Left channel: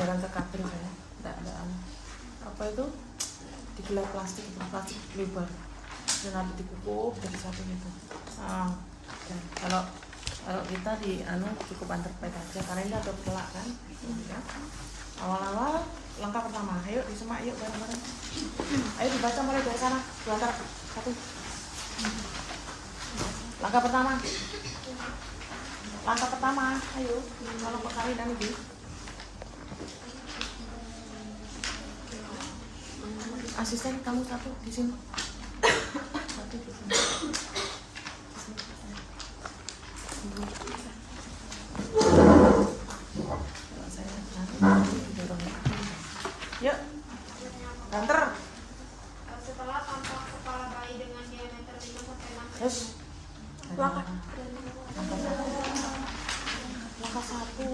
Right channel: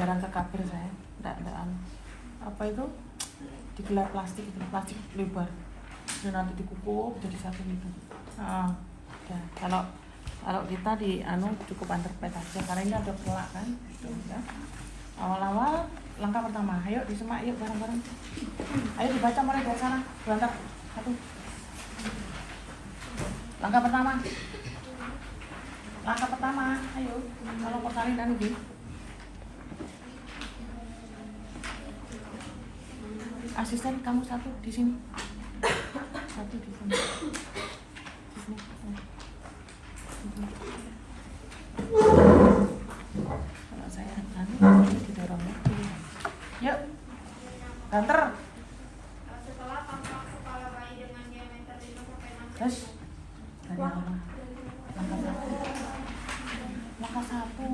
jarang ke kabel saya, enggak apa itu digelar plastik itu, plastik lebar dan nanti dikukup jadi satu gitu. Ya. Kalau kita di cukup underpad aja karena ini ada telak kan gitu, ya. Awal-awal langkah pertama, ayo disemak yuk bareng-bareng, ayo dibaca mulai dari sana, diantar satu. Langkah pertama, ayo kalau persalinan ini. Asisten kamu satu di sini. Satu di sini. Di sini. Kalau saya didorong ya. Yuk. Banter. Setelah tampak kepala bayi dengan diameter 5 sampai 6 Yes. Langkah satu.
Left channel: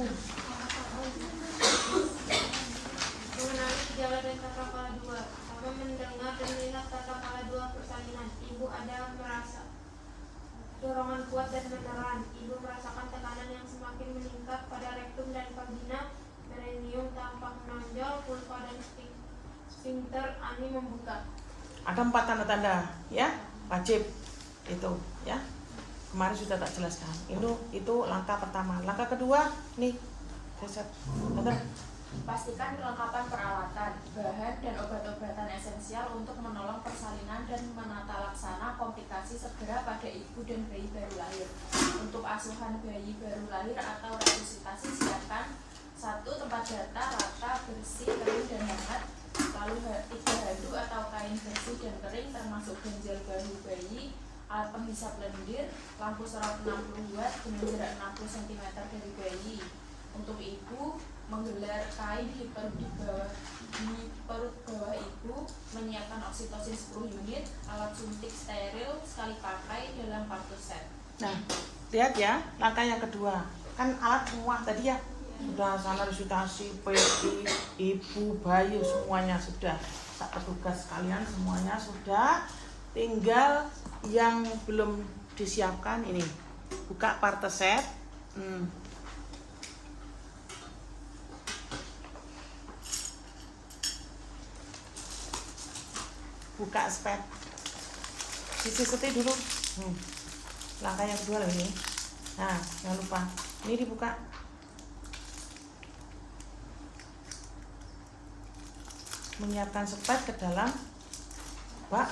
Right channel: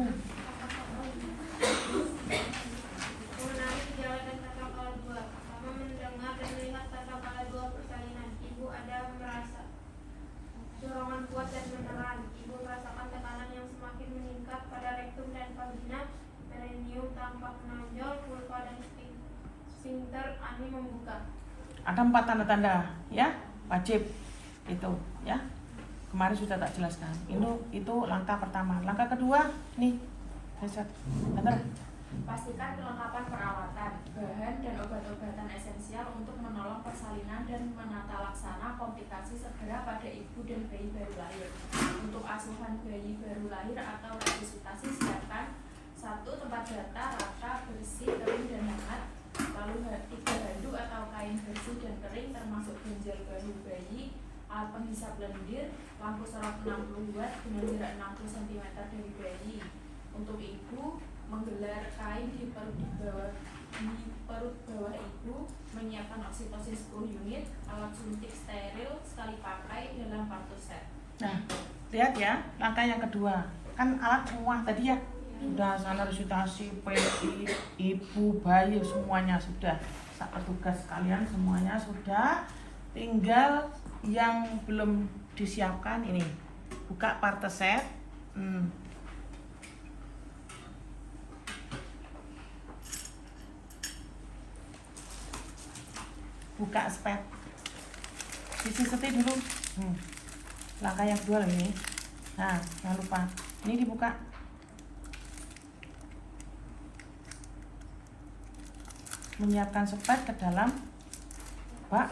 mengenali gejala dan tata kala 2. Pertama, mendengar dan melihat tata kala 2 persalinan. Ibu ada merasa dorongan kuat dan menelan. Ibu merasakan tekanan yang semakin meningkat pada rektum dan vagina. Perineum tampak menonjol, vulva dan sphincter ani membuka. Ada 4 tanda-tanda ya, wajib itu ya. Kemarin sudah tak jelaskan. Itu langkah pertama. Langkah kedua nih. Benar. Pastikan kelengkapan peralatan, bahan dan obat-obatan esensial untuk menolong persalinan dan menata laksana komplikasi segera pada ibu dan bayi baru lahir. Untuk asuhan bayi baru lahir atau resusitasi siapkan 1. Tempat data rata, bersih, kering dan hangat. Lalu 3 handuk atau kain bersih dan kering termasuk ganjal bahu bayi, alat penghisap lendir, lampu sorot 60 watt dengan jarak 60 cm dari bayi. Untuk ibu, menggelar kain di perut bawah ibu, menyiapkan oksitosin 10 unit, alat suntik steril sekali pakai dalam kartu set. Nah, lihat ya, langkah yang kedua. Kan alat semua tadi ya. Sudah sana resusitasi, PI, ibu, bayi semuanya sudah. Petugas kalian semuanya sudah. Tinggal yang belum disiapkan ini. Buka parte set. Buka spek, sisi setir dulu. Langkah yang kedua lagi nih. Nah, jangan lupa ini dibuka. Menyiapkan spek ke dalam bak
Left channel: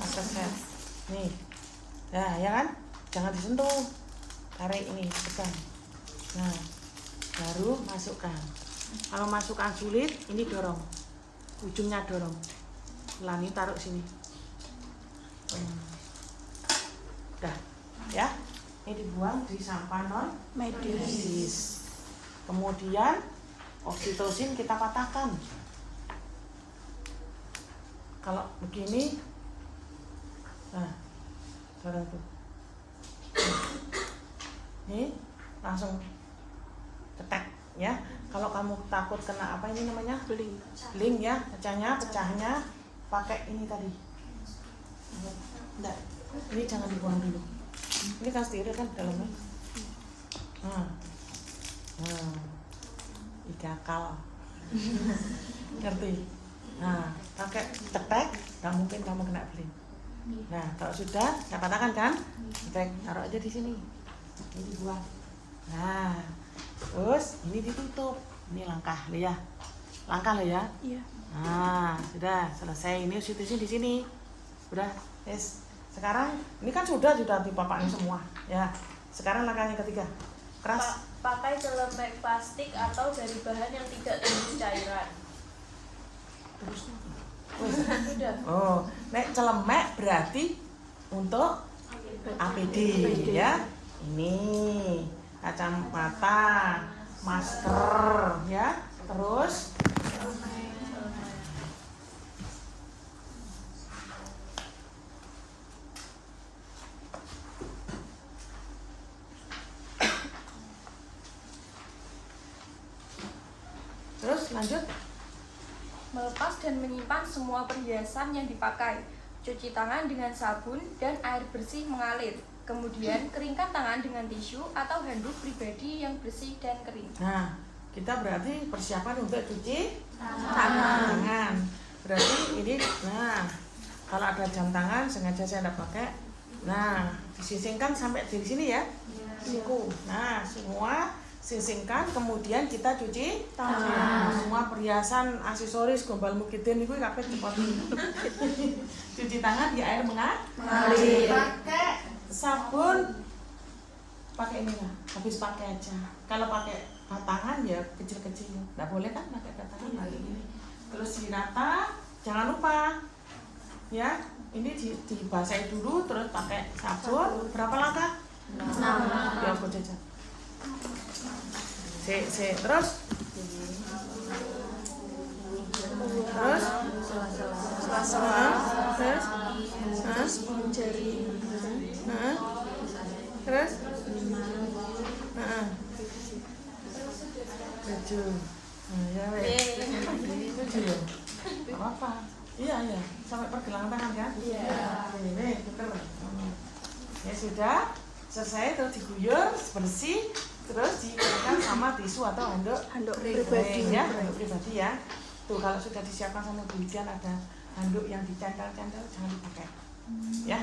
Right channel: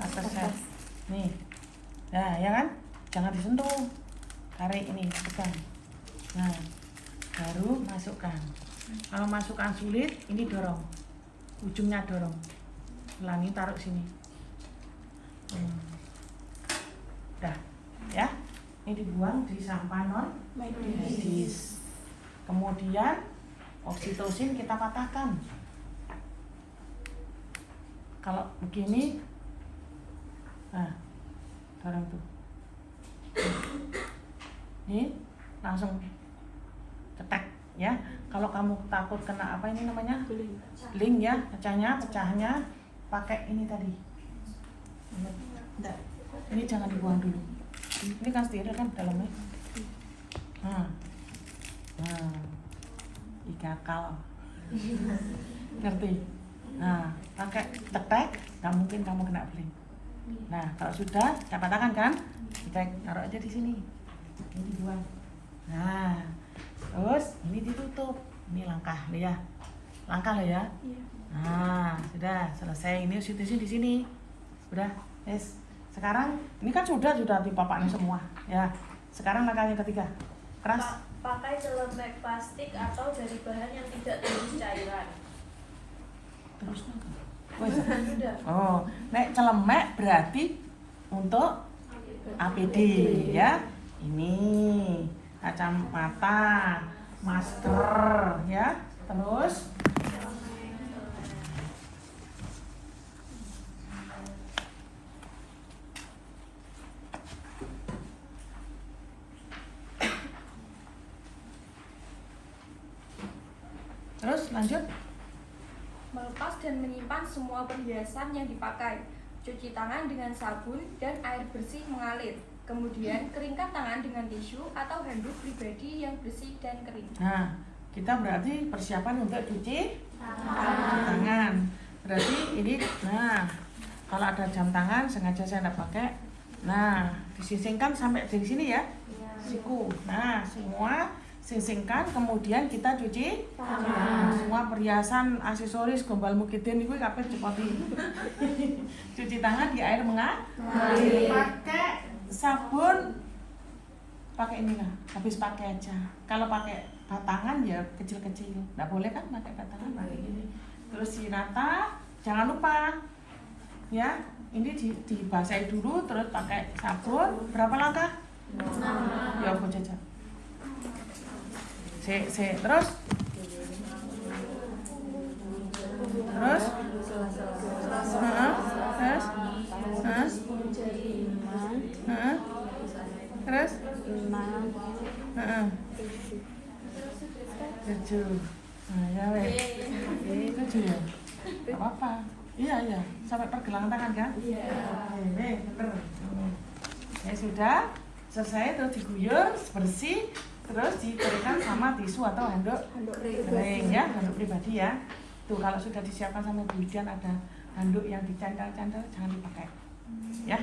atas set. Nih, nah ya kan, jangan disentuh, tarik ini, tekan. Nah, baru masukkan. Kalau masukkan sulit, ini dorong, ujungnya dorong. Lani taruh sini. Udah ya, ini dibuang di sampah non medis. Kemudian oksitosin kita patahkan. Kalau begini, nah dorong tuh, ini langsung ketek ya. Kalau kamu takut kena apa ini namanya bling ya, pecahnya pakai ini tadi. Ini jangan dibuang dulu. Ini kan steril kan dalamnya. Ikakal. Ngerti? Nah, pakai tetek, nggak mungkin kamu kena bling. Nah, kalau sudah, saya patahkan kan? Tetek, taruh aja di sini. Ini dibuang. Nah, terus ini ditutup. Ini langkah lo ya. Langkah lo ya. Iya. Nah, sudah selesai. Ini oksitosin di sini. Udah, yes. Sekarang ini kan sudah dipapaknya semua, ya. Sekarang langkah yang ketiga. Keras. Pakai celemek plastik atau dari bahan yang tidak tumis cairan. Terus. Sudah. Oh, nek celemek berarti untuk APD ya. Ini kacamata, masker ya. Terus lanjut. Melepas dan menyimpan semua perhiasan yang dipakai. Cuci tangan dengan sabun dan air bersih mengalir. Kemudian keringkan tangan dengan tisu atau handuk pribadi yang bersih dan kering. Nah, kita berarti persiapan untuk cuci tangan. Berarti ini, nah kalau ada jam tangan sengaja saya tidak pakai. Nah, disisingkan sampai di sini ya, siku. Nah, semua sisingkan, kemudian kita cuci tangan. Semua perhiasan, aksesoris, gombal mukidin itu kabeh dipotong. Cuci tangan di air mengalir. Pakai sabun, pakai ini lah. Habis pakai aja. Kalau pakai batangan ya kecil-kecil. Nggak boleh kan pakai batangan pakai gini. Terus sinata, jangan lupa ya. Ini dibasahi dulu, terus pakai sabun. Berapa langkah? 6. Ya aku jajan. Terus terus 7. Nah, ya wes. 7 ya. Enggak apa-apa. Iya, sampai pergelangan tangan kan? Iya. Ini betul. Ya sudah, selesai, terus diguyur, bersih, terus dikeringkan sama tisu atau handuk kering ya, handuk pribadi ya. Tuh kalau sudah disiapkan sama Bu Widian ada handuk yang dicandal-candal, jangan dipakai. Ya,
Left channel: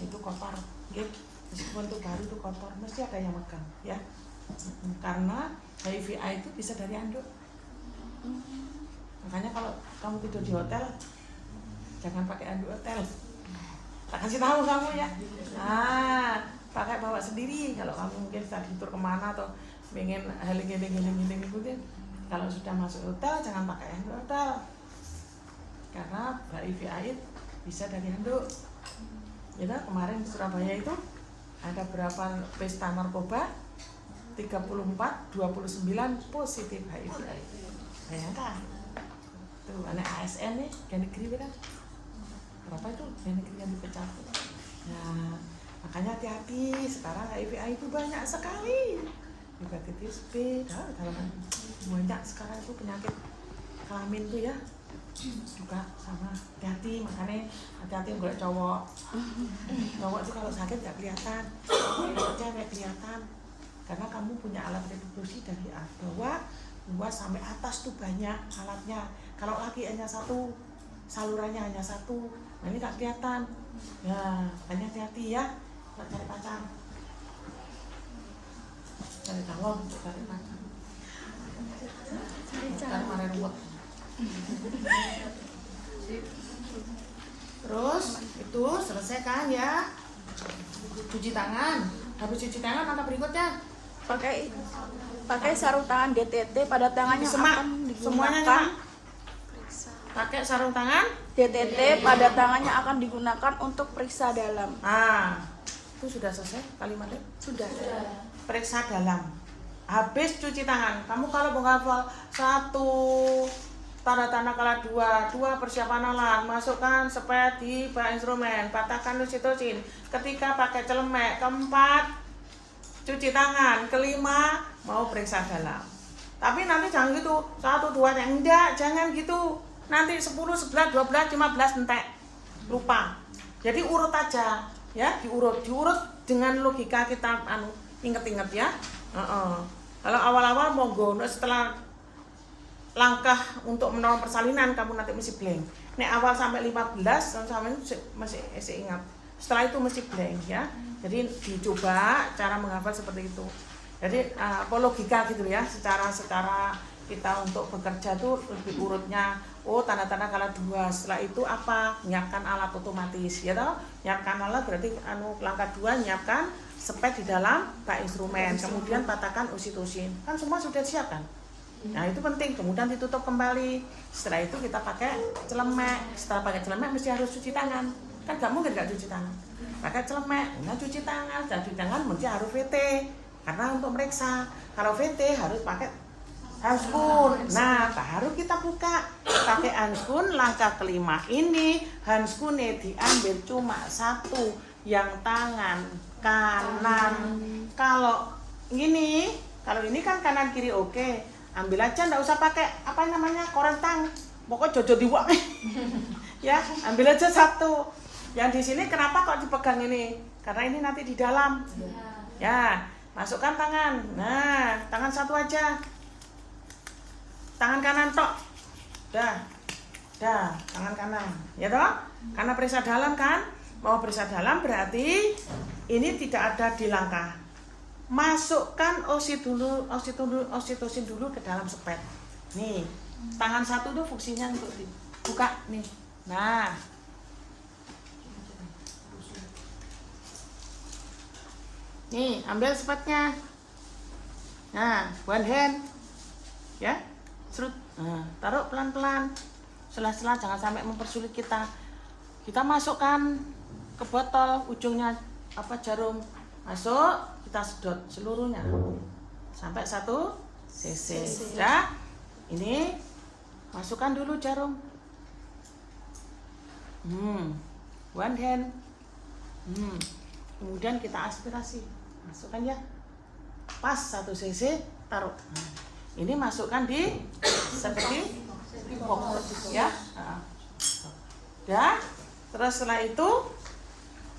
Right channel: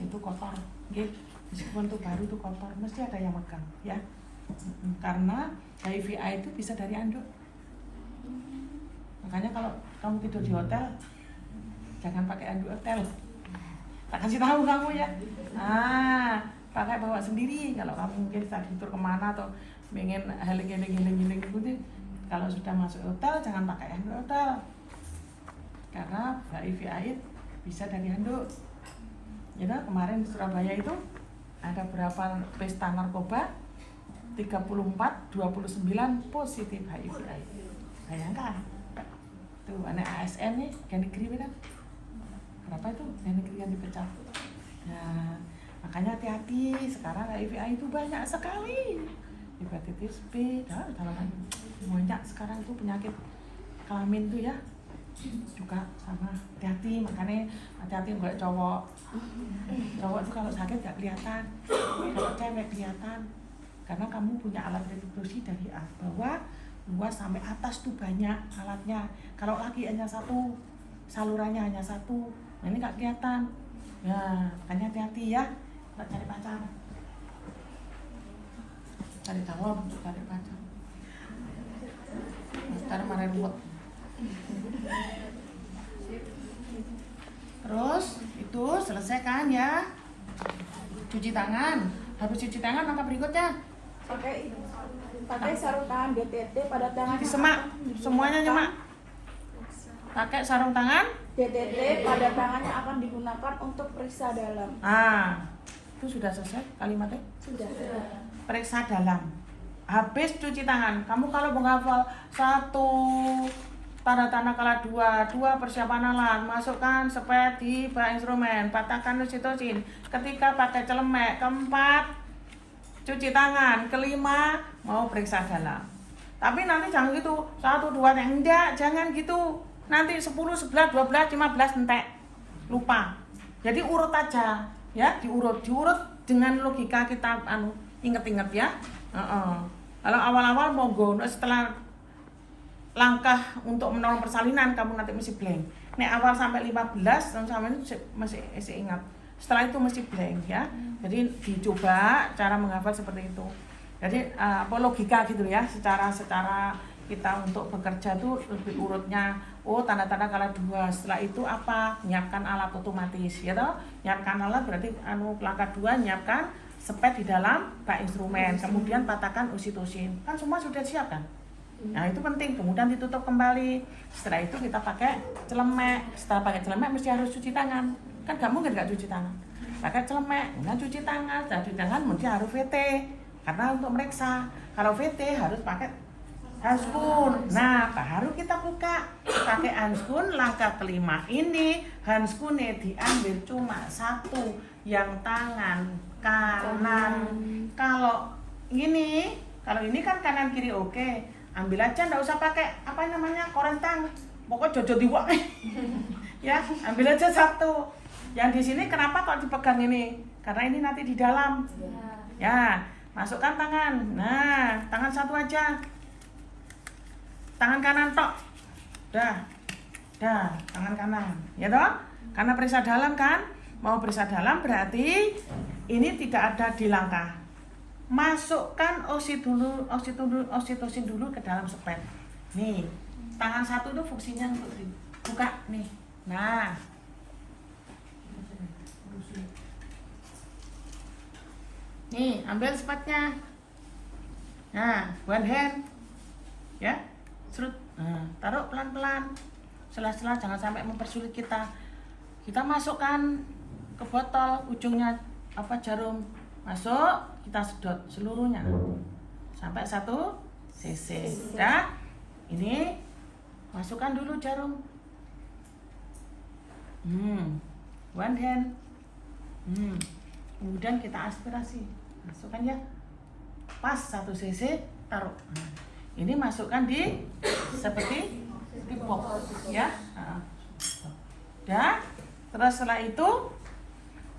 itu kotor. Nggih. Meskipun itu baru itu kotor, mesti ada yang megang ya. Karena HIV/AIDS itu bisa dari handuk. Makanya kalau kamu tidur di hotel, jangan pakai handuk hotel. Tak kasih tahu kamu ya. Pakai bawa sendiri. Kalau kamu mungkin saat tidur kemana atau pengen heling gitu. Kalau sudah masuk hotel, jangan pakai handuk hotel. Karena HIV/AIDS bisa dari handuk. Ya, kemarin di Surabaya itu ada berapa pesta narkoba? 34, 29 positif HIV/AIDS. Bayangkan. Tuh, anak ASN nih, kayak negeri kan? Berapa itu kayak negeri yang dipecat? Nah, makanya hati-hati. Sekarang HIV/AIDS itu banyak sekali. Hepatitis B, dalaman banyak sekarang itu penyakit kelamin tuh ya. Juga sama, hati-hati. Makanya hati-hati nggak cowok. Cowok itu kalau sakit nggak kelihatan, kalau cewek kelihatan. Karena kamu punya alat reproduksi dari bawah luas sampai atas tuh banyak alatnya. Kalau laki hanya satu, salurannya hanya satu, nah ini nggak kelihatan. Nah, makanya hati-hati ya, nggak cari pacar, cari tawar untuk cari pacar. Sekarang marah ruwet. Terus itu selesai kan ya, cuci tangan. Habis cuci tangan langkah berikutnya pakai sarung tangan DTT pada tangannya. Semak, semuanya nyemak. Pakai sarung tangan DTT pada tangannya akan digunakan untuk periksa dalam. Itu sudah selesai kalimatnya? Sudah. Periksa dalam. Habis cuci tangan, kamu kalau menghafal 1 tanda-tanda kala 2 persiapan alat, masukkan sepet di bak instrumen, patahkan oksitosin. Ketika pakai celemek, 4 cuci tangan, 5 mau periksa dalam. Tapi nanti jangan gitu, 1, 2, enggak, jangan gitu. Nanti 10, 11, 12, 15 entek. Lupa. Jadi urut aja, ya, diurut dengan logika kita inget-inget ya. Kalau awal-awal monggo, setelah langkah untuk menolong persalinan kamu nanti mesti blank. Nek awal sampai 15 sama masih ingat. Setelah itu mesti blank ya. Jadi dicoba cara menghafal seperti itu. Jadi logika gitu ya, secara kita untuk bekerja tuh lebih urutnya. Tanda-tanda kala 2. Setelah itu apa? Nyiapkan alat otomatis ya toh. Nyiapkan alat berarti langkah 2 nyiapkan sepet di dalam bak instrumen, kemudian patahkan oksitosin. Kan semua sudah siap kan? Nah, itu penting. Kemudian ditutup kembali. Setelah itu kita pakai celemek. Setelah pakai celemek mesti harus cuci tangan. Kan gak mungkin gak cuci tangan. Pakai celemek, nah cuci tangan. Setelah cuci tangan mesti harus VT. Karena untuk meriksa. Kalau VT harus pakai handskun. Nah, baru kita buka pakai handskun. Langkah kelima ini handskunnya diambil cuma 1 yang tangan kanan. Kalau ini kan kanan kiri oke. Ambil aja, nggak usah pakai korentang. Pokoknya jojo diwak. Ya, ambil aja 1. Yang di sini kenapa kok dipegang ini? Karena ini nanti di dalam. Ya, masukkan tangan. Nah, tangan 1 aja. tangan kanan tok. Dah, tangan kanan, ya toh? Karena periksa dalam kan, mau periksa dalam berarti ini tidak ada di langkah. Masukkan oksitosin dulu ke dalam spet. Nih, tangan satu tuh fungsinya untuk dibuka nih. Nah, nih ambil spetnya. Nah, one hand, ya, serut. Nah, taruh pelan-pelan. Sela-sela jangan sampai mempersulit kita. Kita masukkan ke botol, ujungnya jarum masuk, kita sedot seluruhnya sampai 1 cc. Dah, ini masukkan dulu jarum. One hand. Kemudian kita aspirasi, masukkan ya. Pas 1 cc, taruh. Ini masukkan di seperti box ya. Dah, terus setelah itu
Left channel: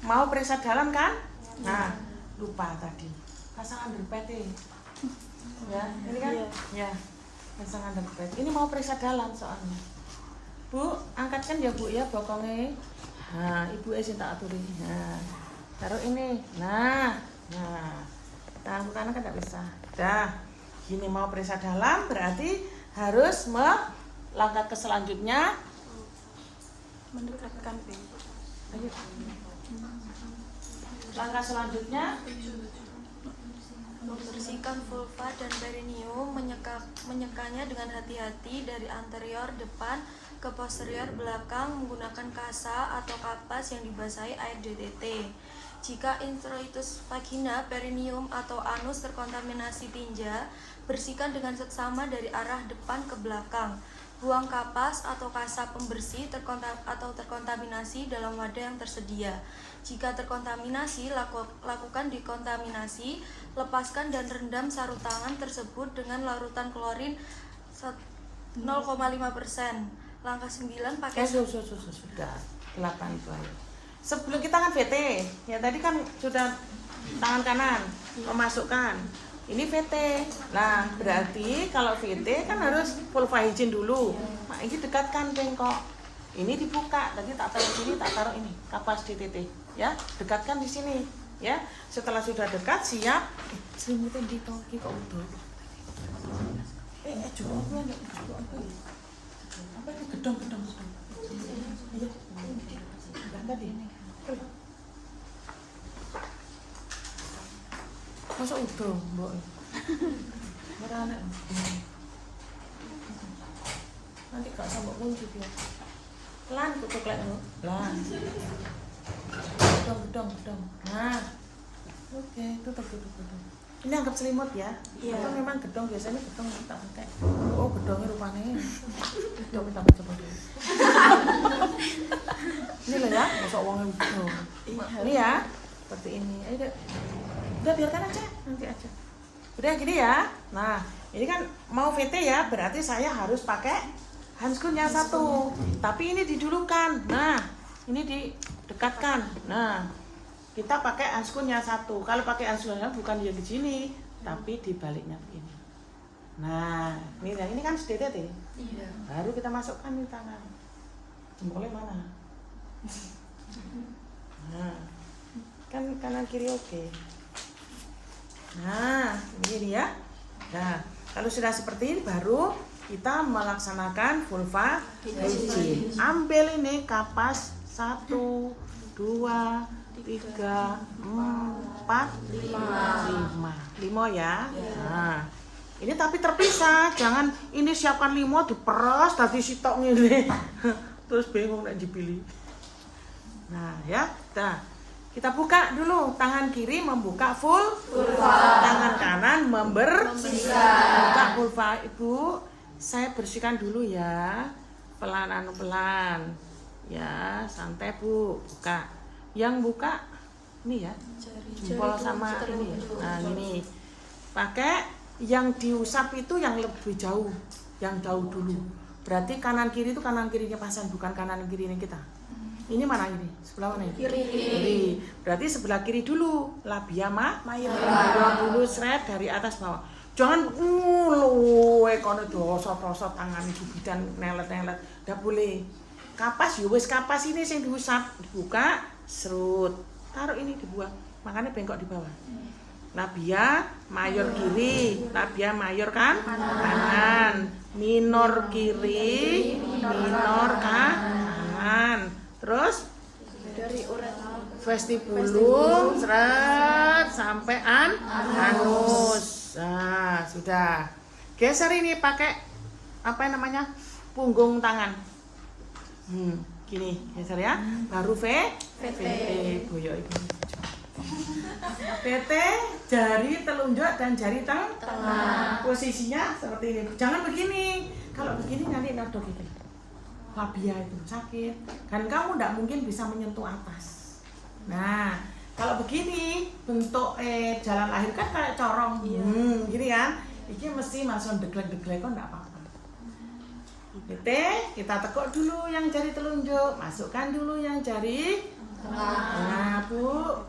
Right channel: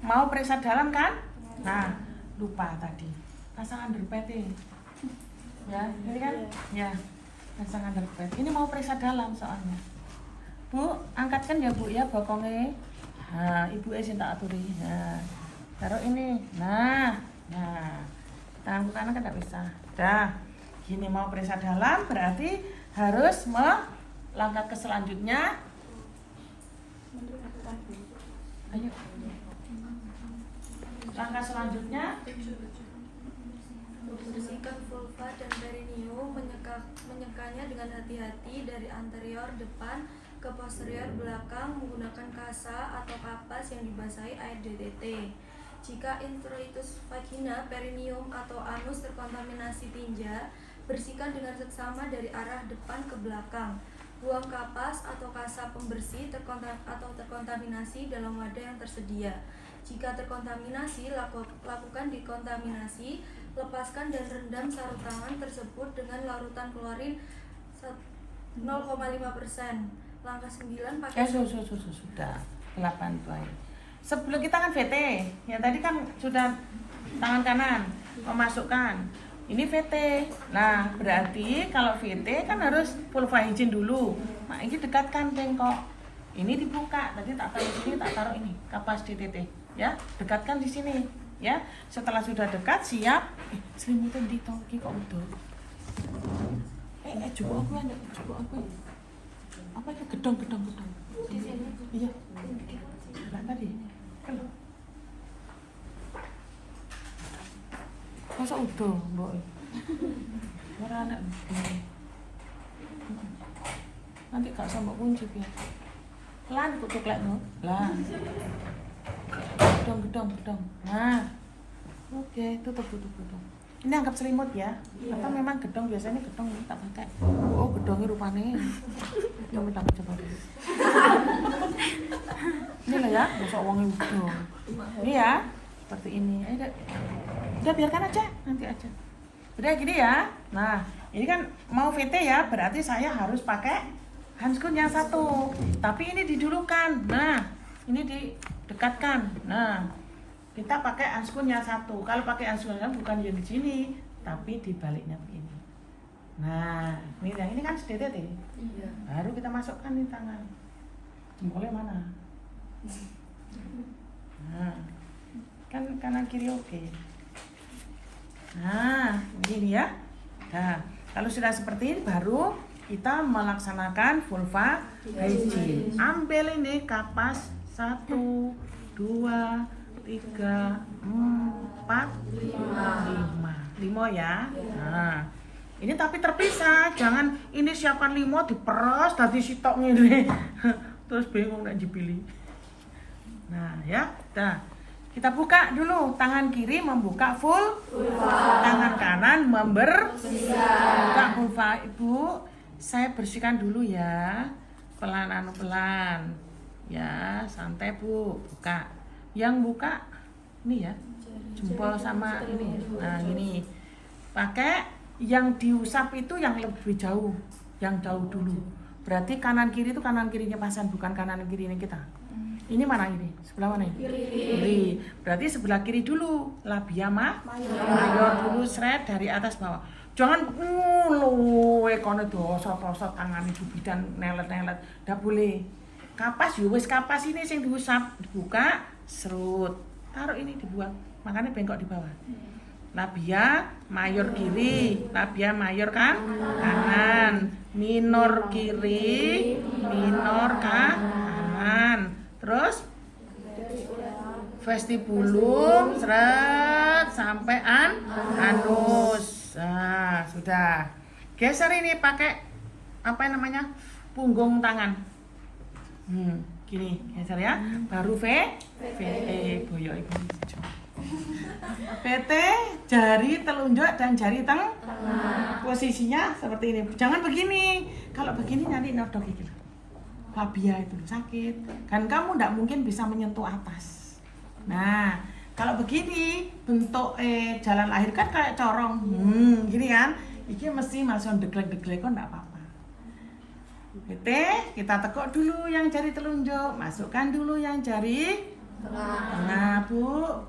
mau periksa dalam kan? Nah, lupa tadi pasang underpad ya, ini kan? Ya, pasang underpad. Ini mau periksa dalam soalnya. Bu, angkatkan ya Bu ya bokongnya. Nah, ibu sing tak aturi. Nah, taruh ini. Nah, tangan kanan kan tidak bisa. Dah, gini mau periksa dalam berarti harus melangkah ke selanjutnya. Ayo. Langkah selanjutnya membersihkan vulva dan perineum, menyekanya dengan hati-hati dari anterior depan ke posterior belakang menggunakan kasa atau kapas yang dibasahi air DTT. Jika introitus vagina, perineum atau anus terkontaminasi tinja, bersihkan dengan seksama dari arah depan ke belakang. Buang kapas atau kasa pembersih terkontaminasi dalam wadah yang tersedia. Jika terkontaminasi, lakukan dekontaminasi, lepaskan dan rendam sarung tangan tersebut dengan larutan klorin 0,5%. Langkah 9 pakai sudah 8 itu aja. Sebelum kita kan VT, ya tadi kan sudah tangan kanan memasukkan. Ini VT. Nah, berarti kalau VT kan harus vulva hygiene dulu. Nah, ini dekatkan bengkok. Ini dibuka. Tadi tak taruh sini, tak taruh ini. Kapas DTT. Ya, dekatkan di sini. Ya, setelah sudah dekat siap. Selimutan di toki kok udah. Coba apa ya? Coba apa ya? Apa itu gedong. Iya. Tadi. Masa udah, Mbak? Ora anak. Nanti gak sama kunci biar. Pelan kutuk lek no. Pelan. Gedong. Nah. Oke, tutup. Ini anggap selimut ya. Atau memang gedong biasanya gedong tak pakai. Oh, gedongnya rupanya. Gedong minta coba dulu. Ini loh ya, masa uangnya gedong. Ini ya, seperti ini. Ayo udah biarkan aja, nanti aja. Udah gini ya. Nah, ini kan mau VT ya, berarti saya harus pakai handskun yang satu. Tapi ini didulukan. Nah, ini didekatkan. Nah, kita pakai handskun yang satu. Kalau pakai handskun yang bukan yang di sini, tapi di baliknya begini. Nah, ini kan DTT. Iya. Baru kita masukkan di tangan. Jempolnya mana? Nah, kan kanan kiri oke. Nah, ini ya. Nah, kalau sudah seperti ini baru kita melaksanakan vulva hygiene. Ambil ini kapas 1, 2, 3, 4, 5 ya. Nah, ini tapi terpisah. Jangan ini siapkan 5 diperes tadi sitok ngene. Terus bingung nak dipilih. Nah, ya. Nah, kita buka dulu, tangan kiri membuka vulva, tangan kanan membersihkan. Buka vulva Ibu, saya bersihkan dulu ya, pelan. Ya, santai Bu, buka. Yang buka ini ya, jempol sama ini. Nah ini, pakai yang diusap itu yang lebih jauh, yang jauh dulu. Berarti kanan kiri itu kanan kirinya pasien, bukan kanan kirinya kita. Ini mana ini? Sebelah mana ini? Kiri. Berarti sebelah kiri dulu. Labia mayor dulu, seret dari atas bawah. Jangan kono dosa-dosa tangan jubidan nelet-nelet. Ndak boleh. Kapas ya wis kapas ini sing diusap, dibuka, serut. Taruh ini dibuang. Makanya bengkok di bawah. Labia mayor kiri, labia mayor kanan, minor kiri, minor kanan. Terus vestibulum seret sampai anus. Nah, sudah. Geser ini pakai apa namanya? Punggung tangan. Gini, geser ya. Baru boyo iki. PT jari telunjuk dan jari tengah. Posisinya seperti ini. Jangan begini. Kalau begini nanti nodok iki. Labia itu sakit. Kan kamu tidak mungkin bisa menyentuh atas. Nah, kalau begini bentuk jalan lahir kan kayak corong. Gini kan. Iki mesti masuk deglek-deglek kok enggak apa-apa. PT kita tekuk dulu yang jari telunjuk, masukkan dulu yang jari tengah, Bu.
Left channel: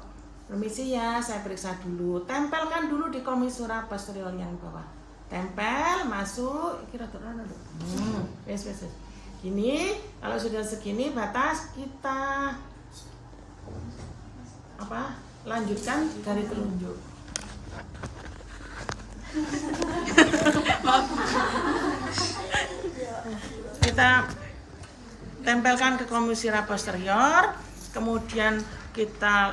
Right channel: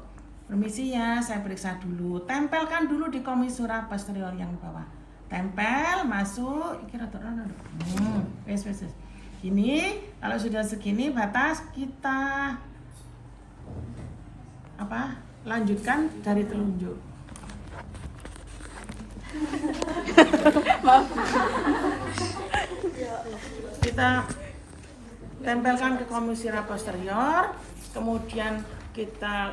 Permisi ya, saya periksa dulu. Tempelkan dulu di komisura posterior yang di bawah. Tempel, masuk. Kira-kira wes. Ini kalau sudah segini batas kita lanjutkan dari telunjuk. Kita tempelkan ke komisura posterior, kemudian kita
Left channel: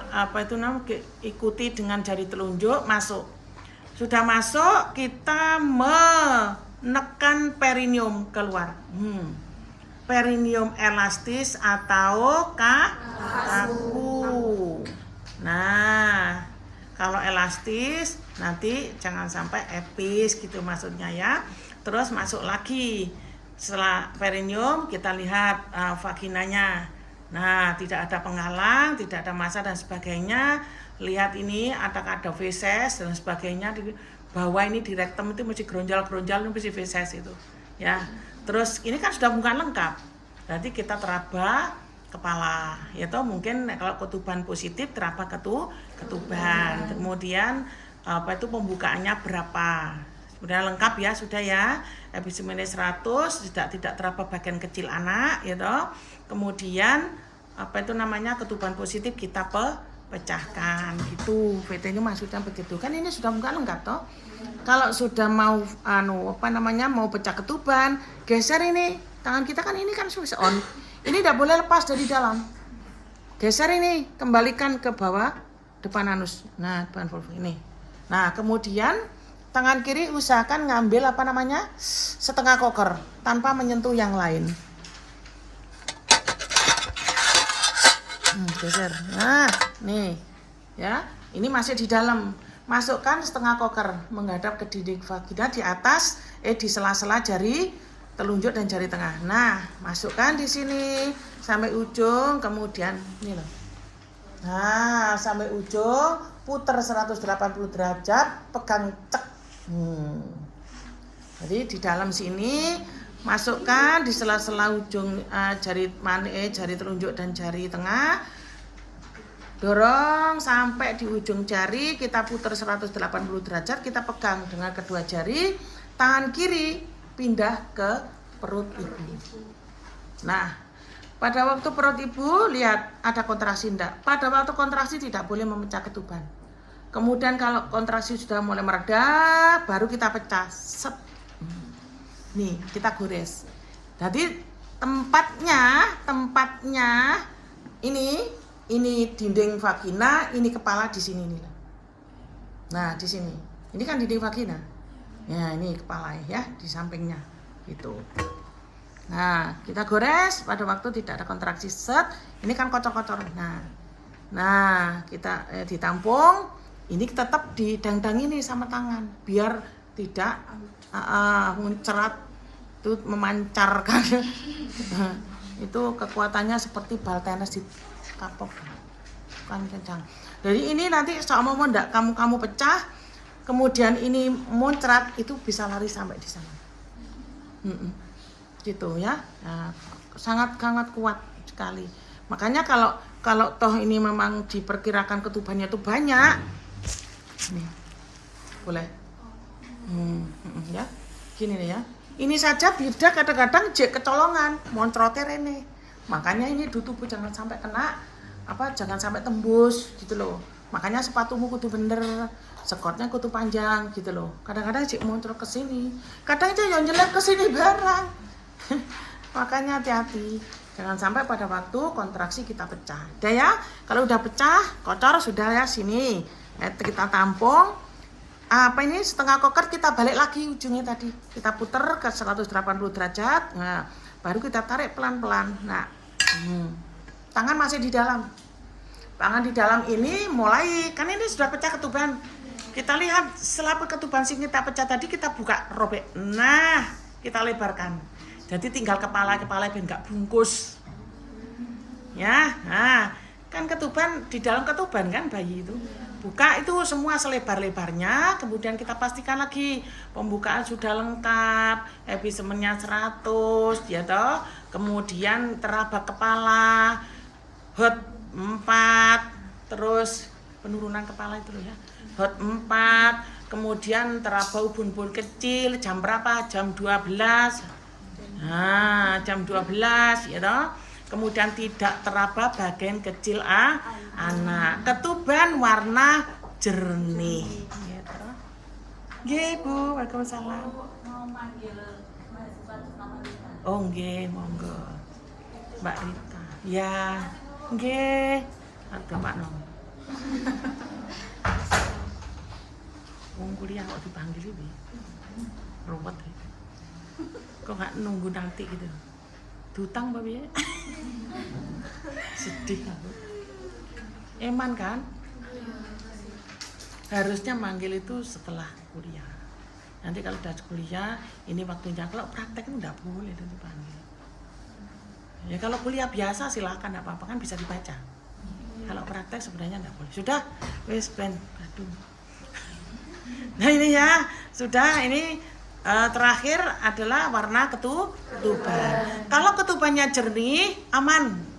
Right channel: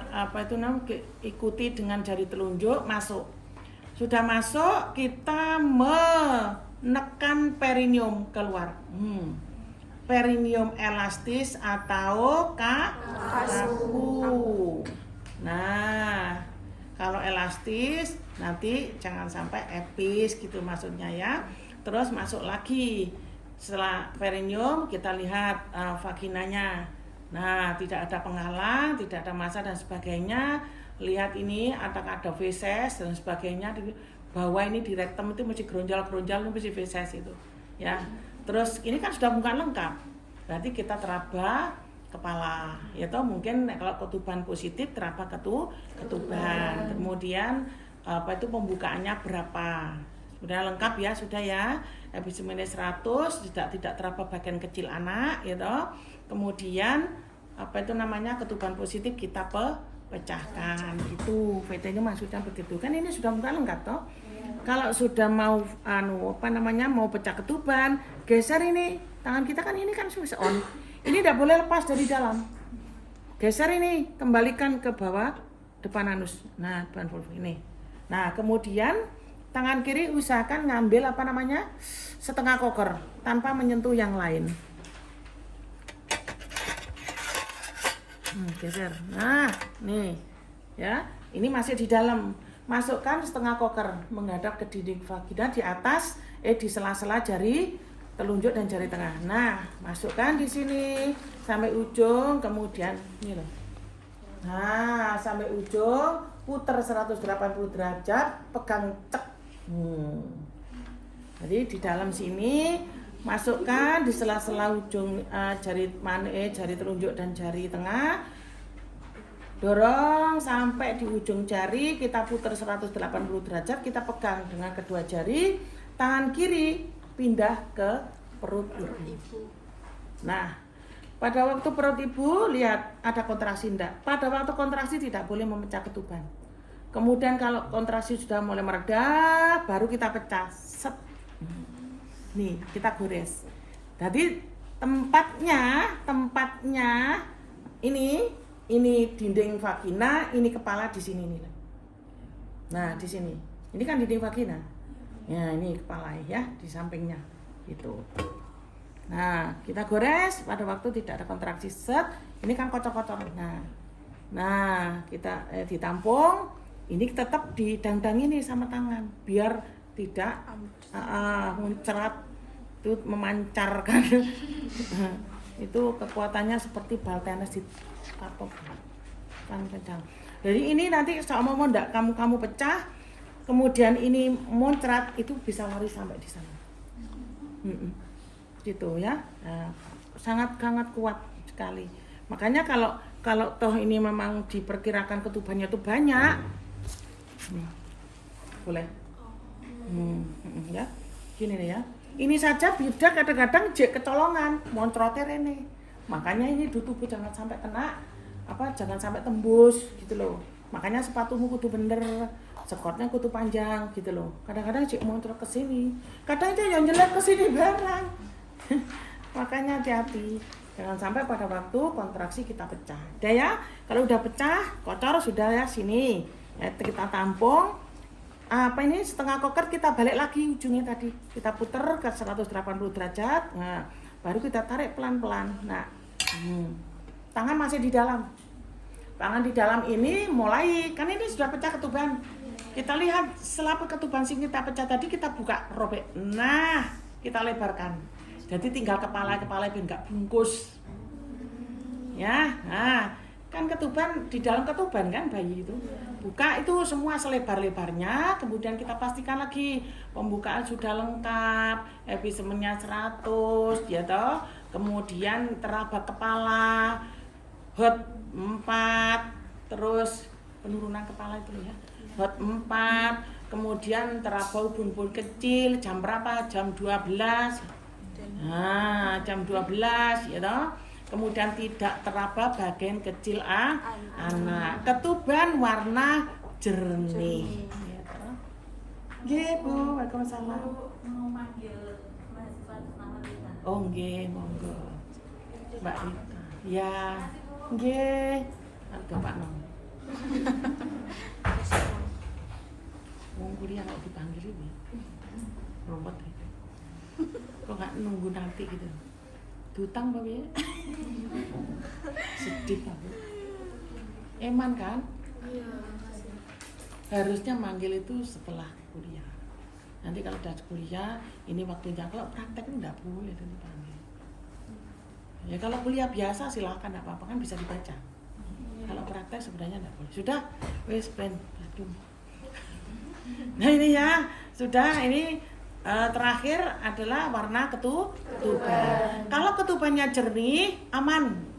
ikuti dengan jari telunjuk masuk. Sudah masuk, kita menekan perineum keluar. Perineum elastis atau kaku. Nah, kalau elastis nanti jangan sampai epis gitu maksudnya ya. Terus masuk lagi. Setelah perineum kita lihat vaginanya. Nah, tidak ada penghalang, tidak ada massa dan sebagainya. Lihat ini ada feses dan sebagainya. Di bawah ini di rektum itu mesti geronjal-geronjal, itu mesti feses itu. Ya. Terus ini kan sudah bukan lengkap. Berarti kita teraba kepala. Yaitu mungkin kalau ketuban positif teraba ketuban. Kemudian pembukaannya berapa? Sudah lengkap ya, sudah ya. Episimene 100 tidak teraba bagian kecil anak, gitu. Kemudian ketuban positif kita pecahkan. Itu VT-nya maksudnya begitu. Kan ini sudah bukan lengkap toh. Kalau sudah mau mau pecah ketuban, geser ini. Tangan kita kan ini kan switch on. Ini tidak boleh lepas dari dalam. Geser ini, kembalikan ke bawah depan anus. Nah, depan vulva ini. Nah, kemudian tangan kiri usahakan ngambil setengah koker tanpa menyentuh yang lain. Geser. Nah, nih. Ya, ini masih di dalam. Masukkan setengah koker menghadap ke dinding vagina di atas di sela-sela jari telunjuk dan jari tengah. Nah, masukkan di sini sampai ujung, kemudian ini loh. Nah, sampai ujung, putar 180 derajat, pegang cek. Jadi di dalam sini masukkan di sela-sela ujung jari telunjuk dan jari tengah. Dorong sampai di ujung jari, kita putar 180 derajat, kita pegang dengan kedua jari, tangan kiri pindah ke perut ibu. Nah, pada waktu perut ibu lihat ada kontraksi enggak? Pada waktu kontraksi tidak boleh memecah ketuban. Kemudian kalau kontraksi sudah mulai mereda, baru kita pecah. Set. Nih, kita gores. Jadi tempatnya ini dinding vagina, ini kepala di sini nih. Nah, di sini. Ini kan dinding vagina. Ya, ini kepala ya, di sampingnya. Gitu. Nah, kita gores pada waktu tidak ada kontraksi set. Ini kan kocor-kocor. Nah, kita ditampung. Ini tetap didang-dang ini sama tangan biar tidak mencerat itu memancarkan. Itu kekuatannya seperti bal tenis di kapok kan kencang. Jadi ini nanti seumpama ndak kamu pecah, kemudian ini muncrat, itu bisa lari sampai di sana. Gitu ya. Nah, sangat kuat sekali. Makanya kalau toh ini memang diperkirakan ketubannya itu banyak. Nih. Boleh. Ya. Gini nih ya. Ini saja bidak kadang-kadang jek kecolongan, moncrote rene. Makanya ini tubuh jangan sampai kena jangan sampai tembus gitu loh. Makanya sepatumu kudu bener, sekotnya kudu panjang gitu loh. Kadang-kadang jek moncrot ke sini, kadang aja yang jelek ke sini barang. Makanya hati-hati. Jangan sampai pada waktu kontraksi kita pecah. Udah ya, kalau udah pecah, kotor sudah ya sini. Kita tampung. Ini setengah koker kita balik lagi ujungnya tadi. Kita puter ke 180 derajat. Nah, baru kita tarik pelan-pelan. Nah, tangan masih di dalam. Tangan di dalam ini mulai, kan ini sudah pecah ketuban. Kita lihat setelah ketuban sing kita pecah tadi kita buka robek. Nah, kita lebarkan. Jadi tinggal kepala biar nggak bungkus. Ya, nah kan ketuban di dalam ketuban kan bayi itu. Buka itu semua selebar-lebarnya, kemudian kita pastikan lagi pembukaan sudah lengkap, episemennya 100, ya toh. Kemudian teraba kepala, hot 4, terus penurunan kepala itu loh ya. Hot 4, kemudian teraba ubun-ubun kecil, jam berapa? Jam 12. Nah, jam 12 ya toh. Kemudian tidak teraba bagian kecil anak. Ketuban warna jernih. Ya toh. Nggih, Bu. Waalaikumsalam. Mau manggil mahasiswa namanya. Oh, nggih, monggo. Mbak Rita. Ya, nggih. Ada Pak Nom. Wong kuliah kok dipanggil iki. Ruwet. Kok nggak nunggu nanti gitu. Dutang Pak ya? Sedih aku. Eman kan? Harusnya manggil itu setelah kuliah. Nanti kalau udah kuliah, ini waktunya. Kalau praktek itu enggak boleh dipanggil. Ya kalau kuliah biasa silakan, enggak apa-apa kan bisa dibaca. Kalau praktek sebenarnya enggak boleh. Sudah, wis ben aduh. Nah ini ya, sudah ini terakhir adalah warna ketuban. Kalau ketubannya jernih, aman.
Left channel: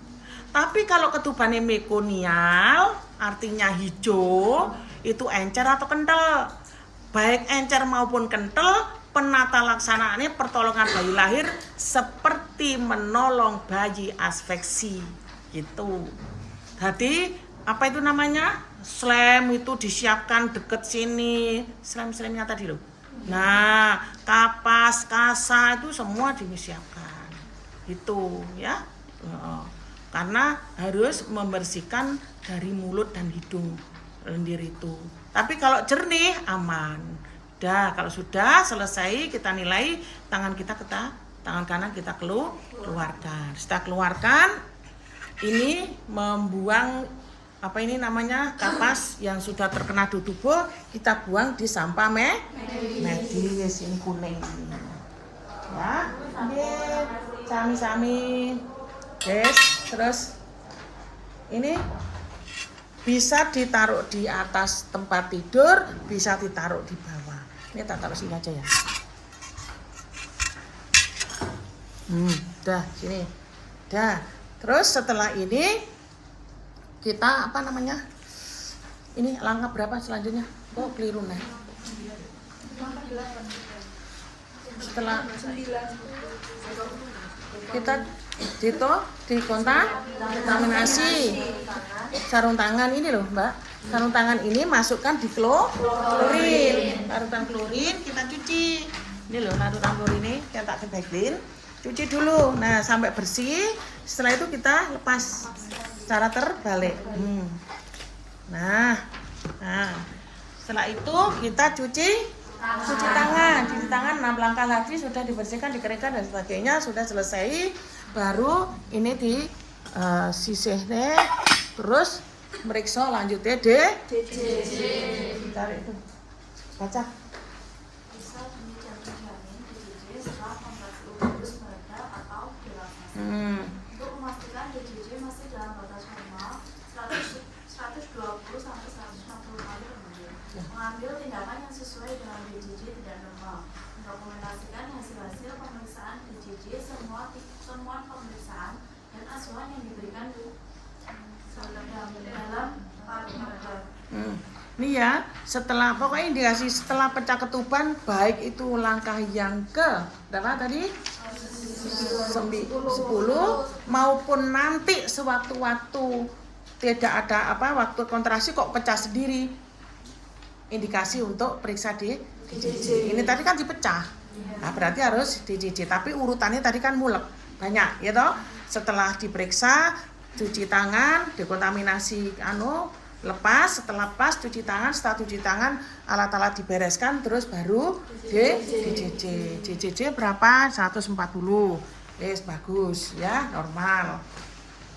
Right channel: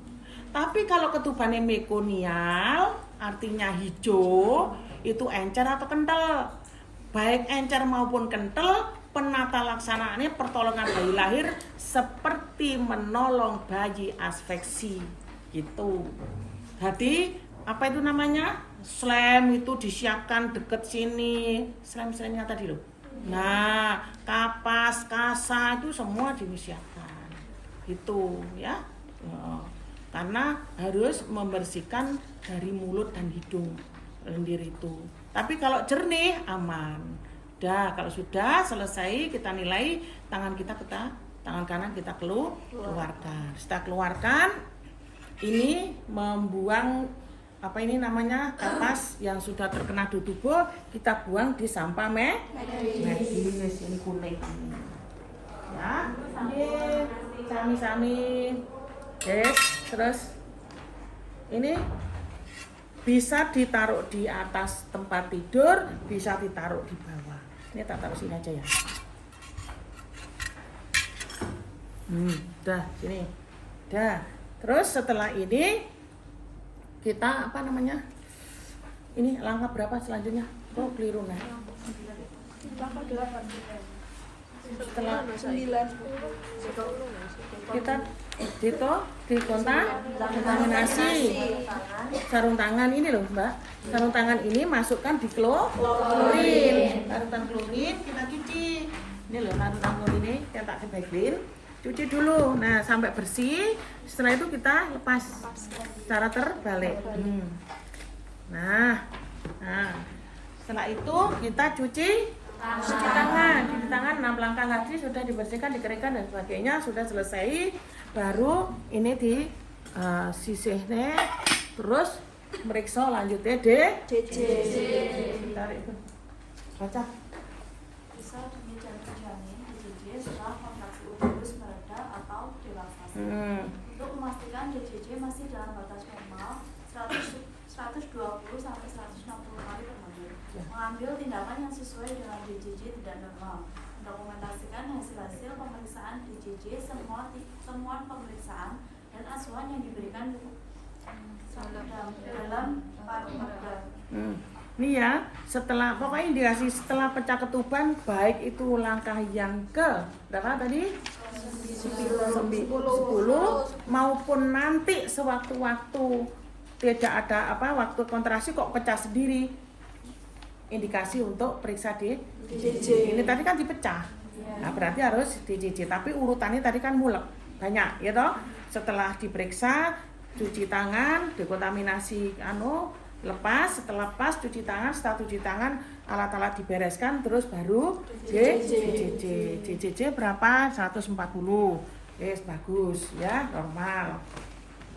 Tapi kalau ketubannya mekonial, artinya hijau, itu encer atau kental. Baik encer maupun kental, penata laksanaannya pertolongan bayi lahir seperti menolong bayi asfeksi gitu. Jadi apa itu namanya? Slam itu disiapkan deket sini. Slam-slamnya tadi loh. Nah, kapas, kasa itu semua disiapkan. Itu ya. Karena harus membersihkan dari mulut dan hidung lendir itu. Tapi kalau jernih aman. Dah, kalau sudah selesai kita nilai tangan kanan kita keluarkan. Setelah keluarkan ini membuang kapas yang sudah terkena tubuh kita buang di sampah medis ini kuning. Ya, sami-sami. Terus ini bisa ditaruh di atas tempat tidur, bisa ditaruh di bawah. Ini tak taruh sini aja ya. Dah sini. Dah. Terus setelah ini kita ini langkah berapa selanjutnya? Kok keliru nih? Setelah kita dikontaminasi sarung tangan ini loh Mbak. Sarung tangan ini masukkan di klorin. Larutan klorin kita cuci. Ini loh larutan klorin ini kita tak kebagiin. Cuci dulu. Nah sampai bersih. Setelah itu kita lepas secara terbalik. Nah, setelah itu kita cuci tangan. Cuci tangan 6 langkah lagi sudah dibersihkan, dikeringkan dan sebagainya sudah selesai. Baru ini di sisihnya terus meriksa lanjutnya DJJ. Tarik itu. Baca. Bisa demikian terjamin DJJ setelah kontraksi uterus beradab atau dewasa. Untuk memastikan DJJ masih dalam batas normal 120 sampai 160 kali per menit. Mengambil tindakan yang sesuai dengan DJJ tidak normal. Mendokumentasikan hasil-hasil pemeriksaan DJJ, semua temuan pemeriksaan dan asuhan yang diberikan dalam Ini ya, setelah pokoknya indikasi setelah pecah ketuban baik itu langkah yang ke berapa tadi? 10 maupun nanti sewaktu-waktu tidak ada waktu kontrasi kok pecah sendiri. Indikasi untuk periksa di DJJ. Ini tadi kan dipecah. Nah, berarti harus DJJ, tapi urutannya tadi kan mulek. Banyak, ya toh? Setelah diperiksa, cuci tangan, dekontaminasi lepas, setelah lepas cuci tangan, setelah cuci tangan alat-alat dibereskan terus baru DJJ. DJJ berapa? 140. Bagus ya, normal.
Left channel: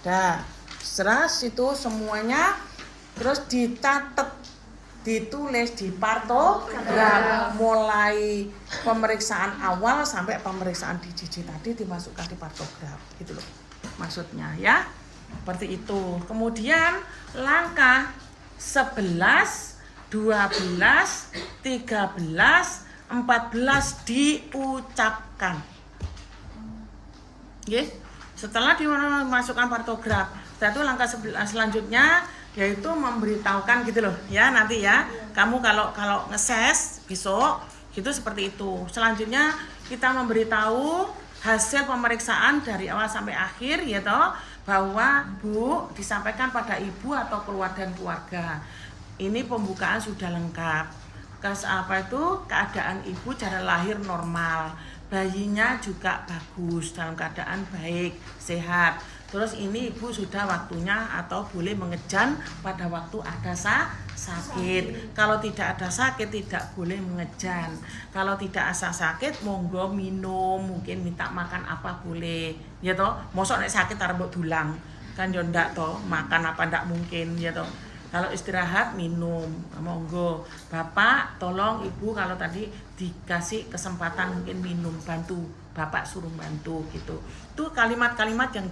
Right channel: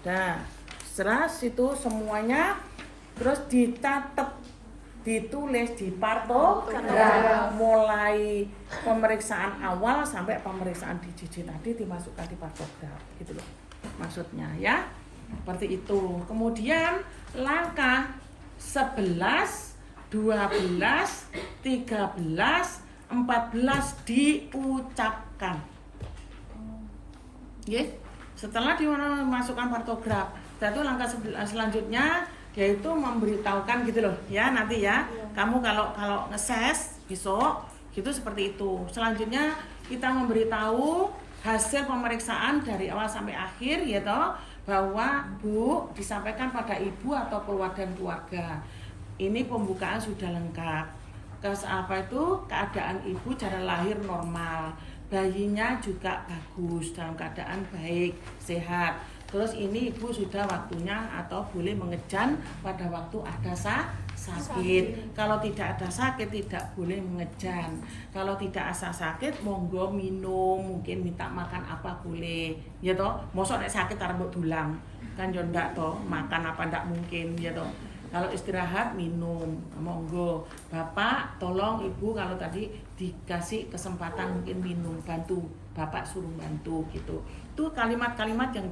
Dah, setelah itu semuanya terus dicatat, ditulis di partograf mulai pemeriksaan awal sampai pemeriksaan DJJ tadi dimasukkan di partograf gitu loh. Maksudnya ya. Seperti itu. Kemudian langkah 11, 12, 13, 14 diucapkan. Oke. Setelah dimasukkan partograf, itu langkah selanjutnya yaitu memberitahukan gitu loh ya, nanti ya. Kamu kalau ngeses besok gitu seperti itu. Selanjutnya kita memberitahu hasil pemeriksaan dari awal sampai akhir ya toh, bahwa Bu disampaikan pada ibu atau keluarga. Ini pembukaan sudah lengkap. Keadaan ibu cara lahir normal, bayinya juga bagus dalam keadaan baik, sehat. Terus ini ibu sudah waktunya atau boleh mengejan pada waktu ada sakit. Kalau tidak ada sakit tidak boleh mengejan. Kalau tidak ada sakit monggo minum, mungkin minta makan apa boleh. Ya toh, mosok nek sakit arep dulang. Kan yo ndak toh, makan apa ndak mungkin ya toh. Kalau istirahat minum, monggo. Bapak tolong ibu kalau tadi dikasih kesempatan mungkin minum, bantu. Bapak suruh bantu gitu. Itu kalimat-kalimat yang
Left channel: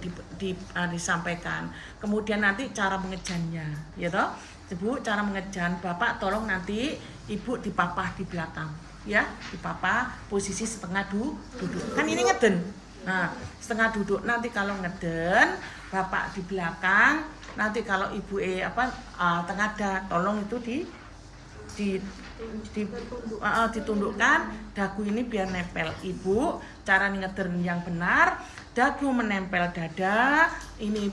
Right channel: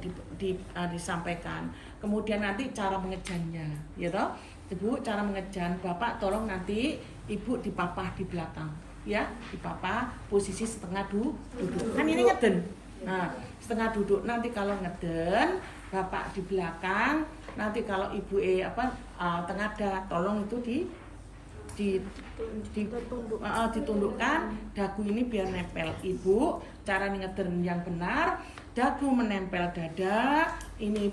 disampaikan. Kemudian nanti cara mengejannya, ya toh. Ibu cara mengejan, Bapak tolong nanti ibu dipapah di belakang, ya, dipapah posisi setengah duduk. Kan ini ngeden. Nah, setengah duduk nanti kalau ngeden, Bapak di belakang, nanti kalau ibu tengah ada, tolong itu ditundukkan dagu ini biar nempel. Ibu cara ngeden yang benar, dagu menempel dada, ini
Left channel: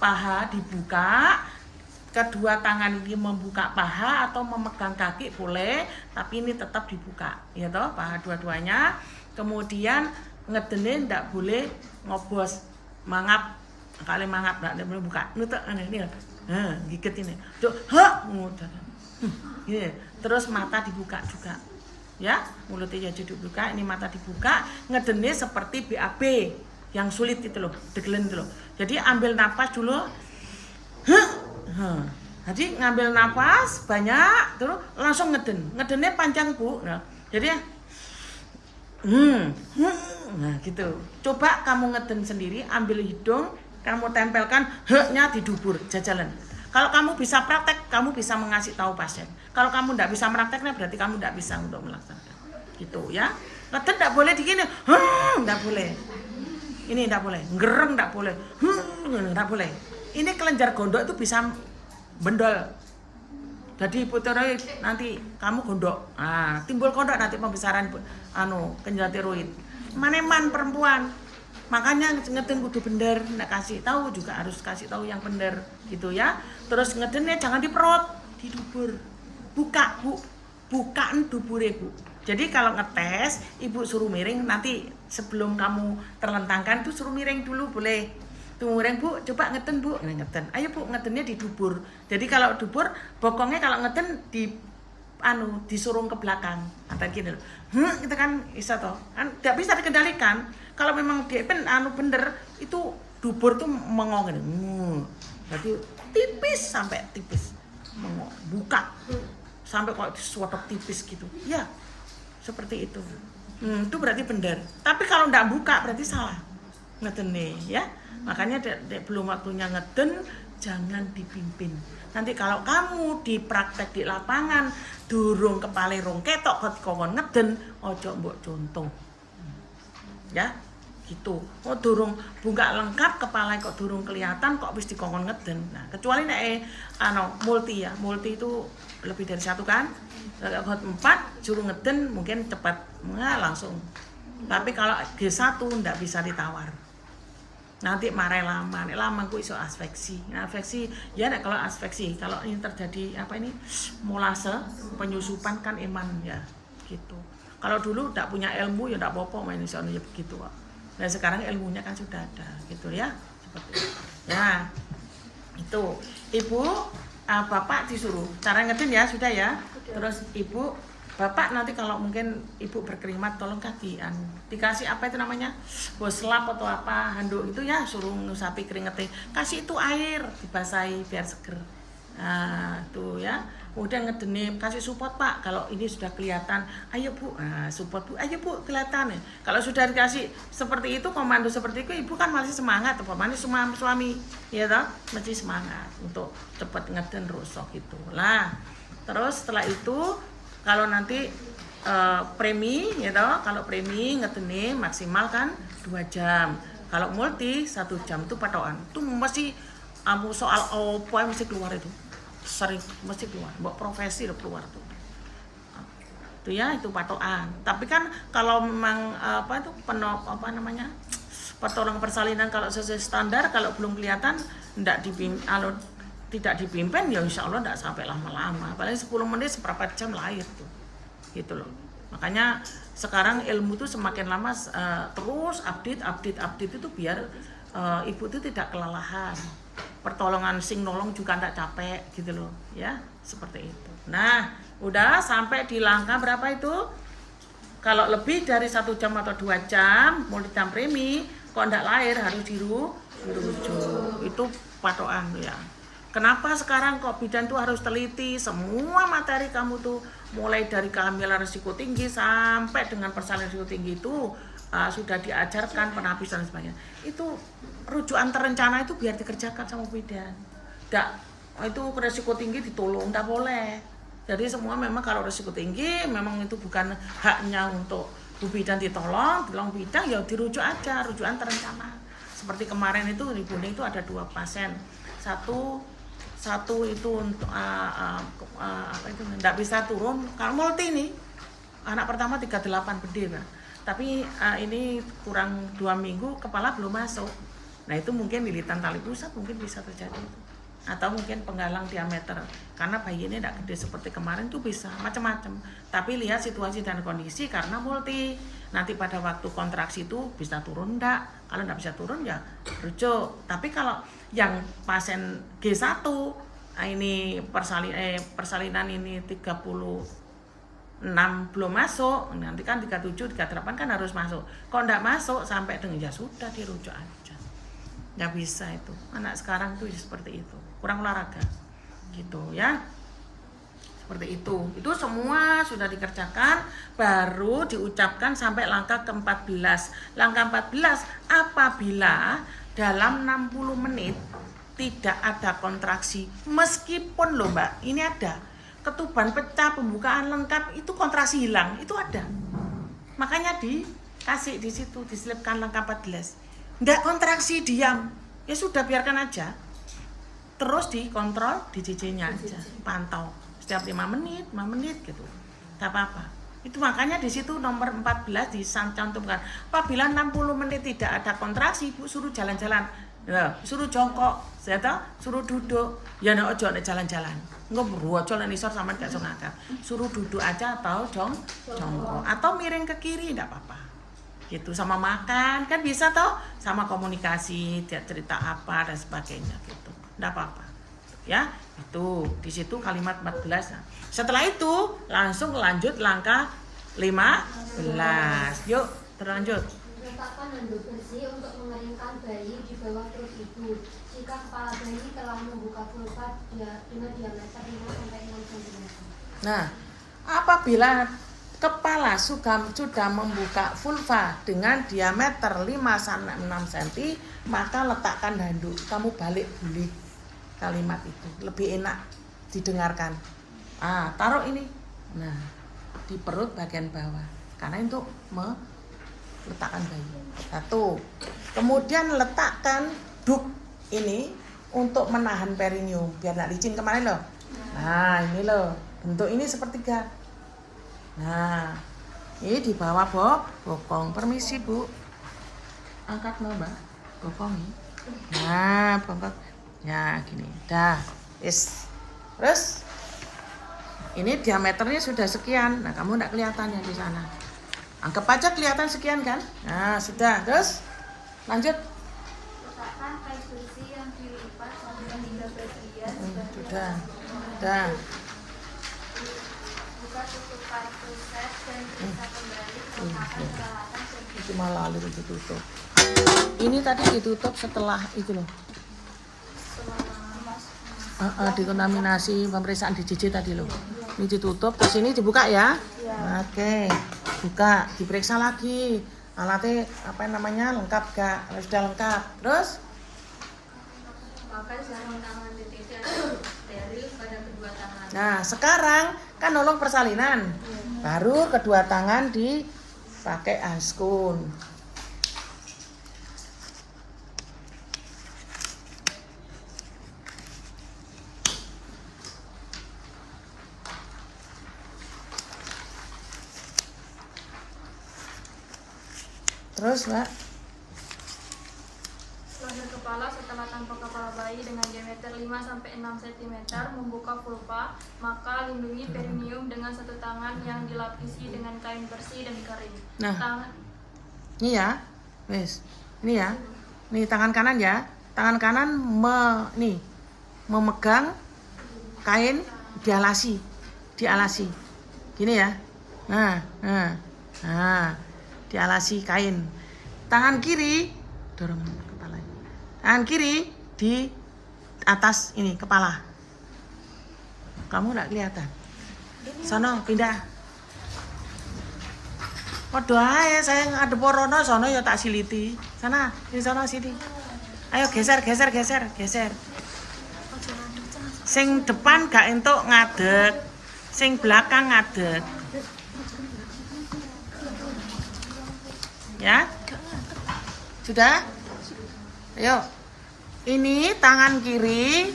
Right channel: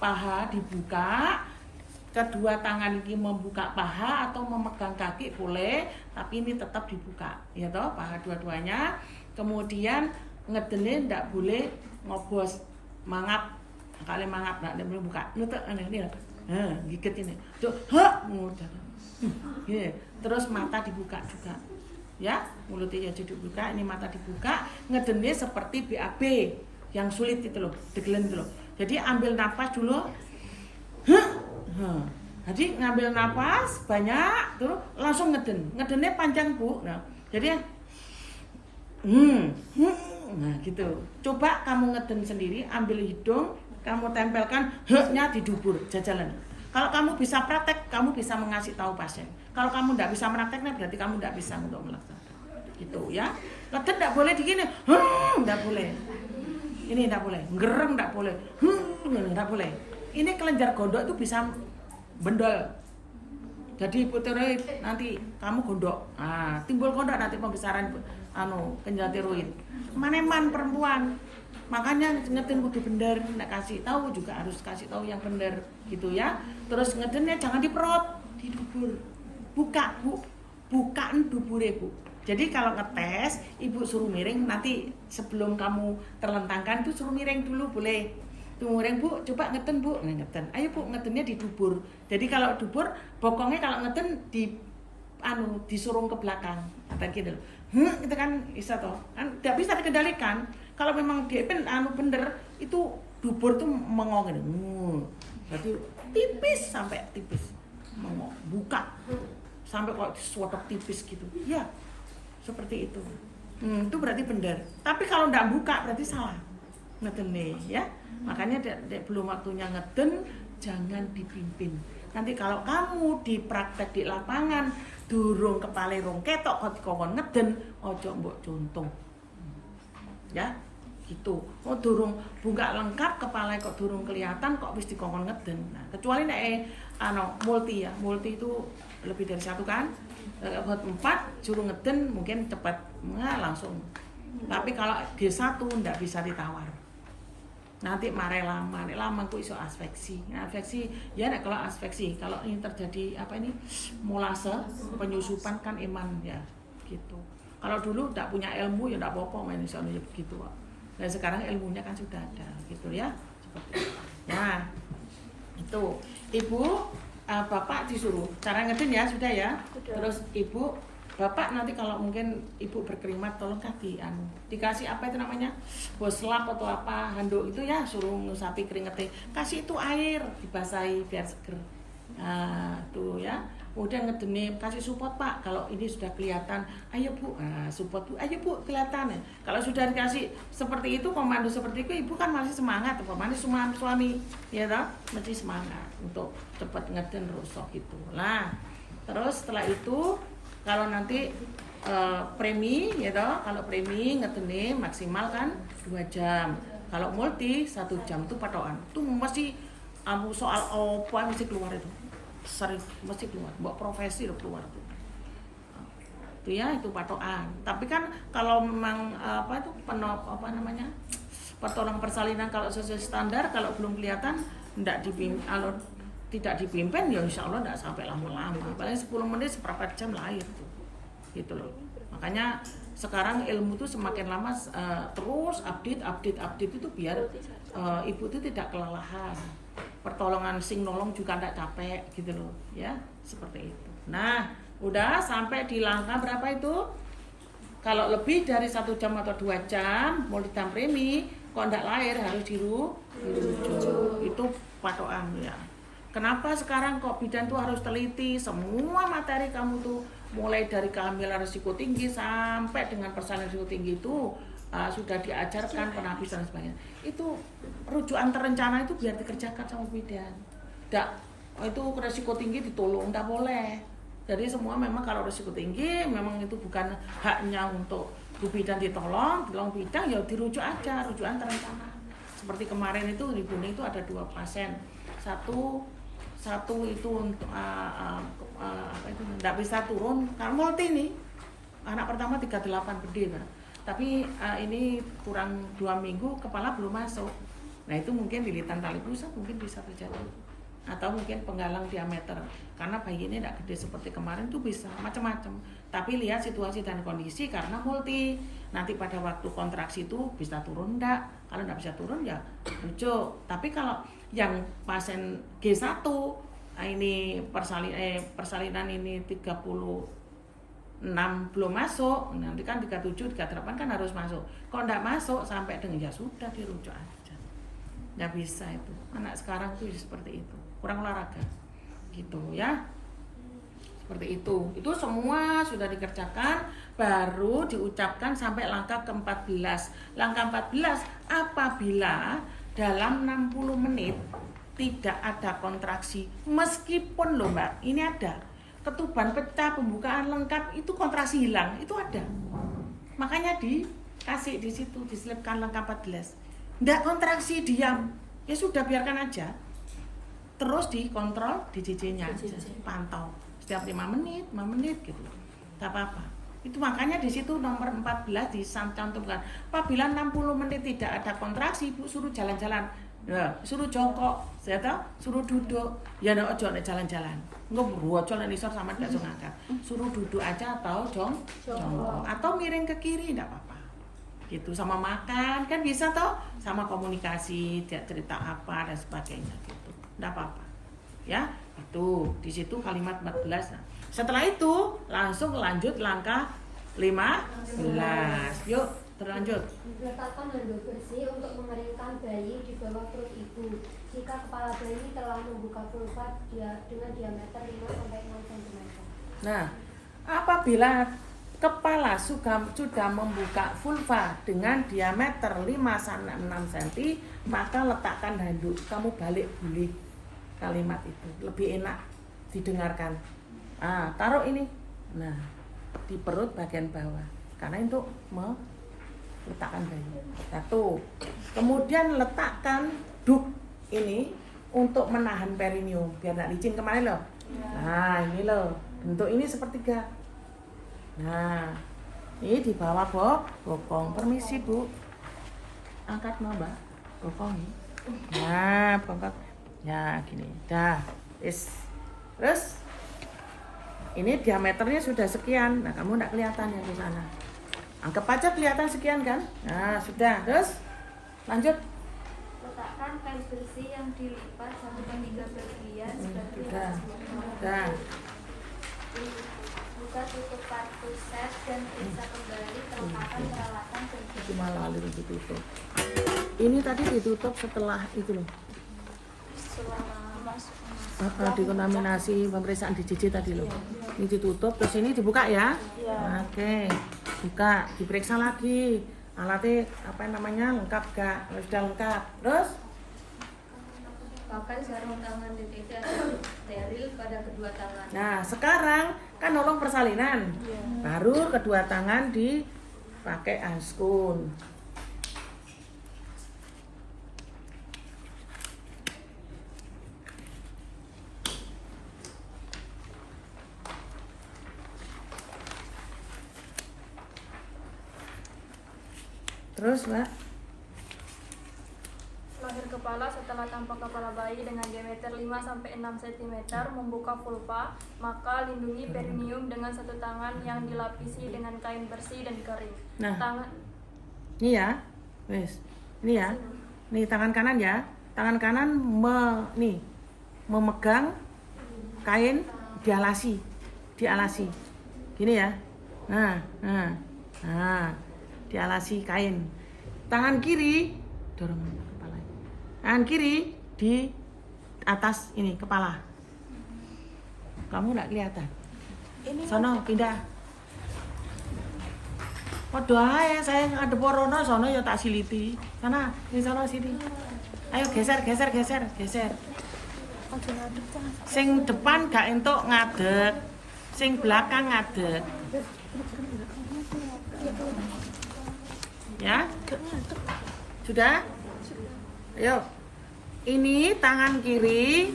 paha dibuka, kedua tangan ini membuka paha atau memegang kaki boleh, tapi ini tetap dibuka ya toh, paha dua-duanya. Kemudian ngedene ndak boleh ngobos, mangap, kali mangap ndak boleh buka, nutuk ini gigit ini tuh, terus mata dibuka juga ya, mulutnya jadi dibuka, ini mata dibuka. Ngedene seperti BAB yang sulit itu loh, degelen itu loh. Jadi ambil napas dulu, jadi ngambil napas banyak terus langsung ngeden. Ngedennya panjang Bu. Nah, jadi nah gitu. Coba kamu ngeden sendiri, ambil hidung, kamu tempelkan h-nya di dubur, jajalan. Kalau kamu bisa praktek, kamu bisa mengasih tahu pasien. Kalau kamu tidak bisa prakteknya, berarti kamu tidak bisa untuk melaksanakan. Gitu ya. Ngeden tidak boleh digini, tidak boleh. Ini tidak boleh, ngereng tidak boleh, tidak boleh. Ini kelenjar gondok itu bisa bendol. Jadi hipotiroid nanti kamu gondok. Nah, timbul gondok nanti pembesaran kelenjar tiroid. Maneman perempuan. Makanya ngeden kudu bener, ndak kasih tahu juga harus kasih tahu yang bener gitu ya. Terus ngedennya jangan diperut, di dubur. Buka, Bu. Bukaan dubure, Bu. Jadi kalau ngetes, ibu suruh miring, nanti sebelum kamu terlentangkan tuh suruh miring dulu boleh. Tuh miring Bu, coba ngeden Bu, ngeden. Ayo Bu, ngedennya di dubur. Jadi kalau dubur, bokongnya kalau ngeden disurung ke belakang. Atau gitu. Itu kan bisa toh. Kan tidak bisa dikendalikan. Kalau memang dia bener, itu dubur tuh mengong gitu. Berarti tipis sampai tipis. Mengong, buka. Sampai kok suatok tipis gitu. Ya. Seperti itu. Itu berarti benar. Tapi kalau enggak buka berarti salah. Ngeden nih ya. Makanya belum waktunya ngeden, jangan dipimpin. Nanti kalau kamu dipraktek di lapangan, durung kepale rong ketok kon ngeden, ojo mbok contoh. Ya. gitu. Oh durung buka lengkap kepala kok durung kelihatan kok wis dikongkon ngeden. Nah, kecuali nek multi ya. Multi itu lebih dari 1 kan. Buat 4 juru ngeden mungkin cepat langsung. Tapi kalau G1 ndak bisa ditawar. Nanti marah lama, nek lama ku iso asfeksi. Nah, asfeksi ya nek kalau asfeksi, kalau ini terjadi molase, penyusupan kan eman ya gitu. Kalau dulu ndak punya ilmu ya ndak apa-apa main iso ya begitu kok. Nah sekarang ilmunya kan sudah ada gitu ya. Ya itu ibu bapak disuruh cara ngeden ya sudah ya. Terus ibu bapak nanti kalau mungkin ibu berkeringat tolong dikasih apa itu namanya boslap atau apa handuk itu ya suruh ngusapi keringetnya kasih itu air dibasahi biar seger. Nah tuh ya udah ngedeni kasih support pak kalau ini sudah kelihatan ayo bu support bu ayo bu kelihatan ya. Kalau sudah dikasih seperti itu komando seperti itu ibu kan masih semangat mana suami ya toh masih semangat untuk cepat ngeden rusok itu lah. Terus setelah itu kalau nanti premi ya toh kalau premi ngedeni maksimal kan 2 jam kalau multi 1 jam itu patokan itu mesti soal apa yang mesti keluar itu sering mesti keluar, mbok profesi udah keluar tuh. Itu ya itu patokan. Tapi kan kalau memang pertolongan persalinan kalau sesuai standar kalau belum kelihatan tidak dipimpin ya insya Allah tidak sampai lama-lama. Paling 10 menit seberapa jam lahir tuh. Gitu loh. Makanya sekarang ilmu tuh semakin lama terus update itu biar ibu itu tidak kelelahan. Pertolongan sing nolong juga tidak capek gitu loh ya seperti itu. Nah udah sampai di langkah berapa itu kalau lebih dari 1 jam atau 2 jam mau ditambah premi kok tidak lahir harus dirujuk itu patokan ya. Kenapa sekarang kok bidan tuh harus teliti semua materi kamu tuh mulai dari kehamilan risiko tinggi sampai dengan persalinan risiko tinggi itu sudah diajarkan penapisan dan sebagainya. Itu rujukan terencana itu biar dikerjakan sama bidan. Itu risiko tinggi ditolong, enggak boleh. Jadi semua memang kalau risiko tinggi memang itu bukan haknya untuk Bu Bidan ditolong bidan ya dirujuk aja, rujukan terencana. Seperti kemarin itu di Bune itu ada 2 pasien. Satu itu untuk enggak bisa turun karena multi ini. Anak pertama 38 gede, Pak. Tapi ini kurang 2 minggu kepala belum masuk. Nah itu mungkin lilitan tali pusat mungkin bisa terjadi itu. Atau mungkin penggalang diameter karena bayi ini tidak gede seperti kemarin itu bisa macam-macam. Tapi lihat situasi dan kondisi karena multi. Nanti pada waktu kontraksi itu bisa turun enggak? Kalau enggak bisa turun ya rujuk. Tapi kalau yang pasien G1 ini persalinan ini 36 belum masuk, nanti kan 37, 38 kan harus masuk. Kalau enggak masuk sampai dengan ya sudah dirujuk aja. Enggak bisa itu. Anak sekarang tuh seperti itu. Kurang olahraga. Gitu ya. Seperti itu. Itu semua sudah dikerjakan baru diucapkan sampai langkah ke-14. Langkah 14 apabila dalam 60 menit tidak ada kontraksi meskipun loh Mbak, ini ada ketuban pecah, pembukaan lengkap, itu kontraksi hilang, itu ada. Makanya dikasih di situ, diselipkan langkah 14. Nggak kontraksi diam, ya sudah biarkan aja. Terus dikontrol di JJ-nya aja, pantau setiap 5 menit gitu. Nggak apa-apa. Itu makanya di situ nomor 14 dicantumkan. Apabila 60 menit tidak ada kontraksi, Ibu suruh jalan-jalan. Ya, suruh jongkok, suruh duduk. Ya nek ojo nek jalan-jalan. Engko ojo nek isor sampean gak iso ngangkat. Suruh duduk aja atau jongkok atau miring ke kiri enggak apa-apa. Gitu sama makan kan bisa toh, sama komunikasi, cerita apa dan sebagainya gitu. Enggak apa-apa. Ya, itu di situ kalimat 14. Setelah itu langsung lanjut langkah 15. Yuk, terlanjut. Letakkan handuk bersih untuk mengeringkan bayi di bawah perut ibu. Jika kepala bayi telah membuka vulva dengan diameter 5-6 cm. Nah, apabila kepala sudah membuka vulva dengan diameter 5-6 cm, maka letakkan handuk. Kamu balik boleh kalimat itu. Lebih enak didengarkan. Taruh ini. Nah, di perut bagian bawah. Karena untuk letakkan bayi. Satu. Kemudian letakkan duk ini untuk menahan perineum biar nggak licin kemarin loh. Nah ini loh, bentuk ini sepertiga. Nah ini di bawah bokong. Permisi Bu, angkat mau Mbak bokong ini. Nah bongkok. Ya gini, dah. Terus ini diameternya sudah sekian. Nah kamu nggak kelihatan yang di sana. Anggap aja kelihatan sekian kan? Nah sudah. Terus lanjut. Letakkan kain bersih yang dilipat sampai 3 bagian Sudah. Dah. buka tutup partuses dan periksa kembali kelengkapan peralatan Itu malah lalu ditutup. Ini tadi ditutup setelah itu loh. Dikontaminasi pemeriksaan DJJ tadi loh. Ini ditutup, terus ini dibuka ya. Oke, buka, diperiksa lagi. Alatnya apa namanya lengkap gak? Kalau sudah lengkap, terus pakai sarung tangan DTT atau steril pada kedua tangan. nah sekarang kan nolong persalinan. Baru kedua tangan dipakai askun. Terus Mbak, Pada kepala setelah tampar kepala bayi dengan diameter 5-6 cm membuka vulva, maka lindungi perineum dengan satu tangan yang dilapisi dengan kain bersih dan kering. Nah. Tangan ini ya, wes, ini ya, ini tangan kanan ya, tangan kanan memegang kain dialasi, gini ya, nah, dialasi kain. Tangan kiri dorong kepala. Tangan kiri di atas ini kepala. Kamu nggak kelihatan. Sono pindah. Padha ae saya ngadep rono sono ya tak siliti. Sana, di sana sini. Ayo geser. Sing depan gak entuk ngadeg. Sing belakang ngadeg. Ya? Sudah? Ayo. Ini tangan kiri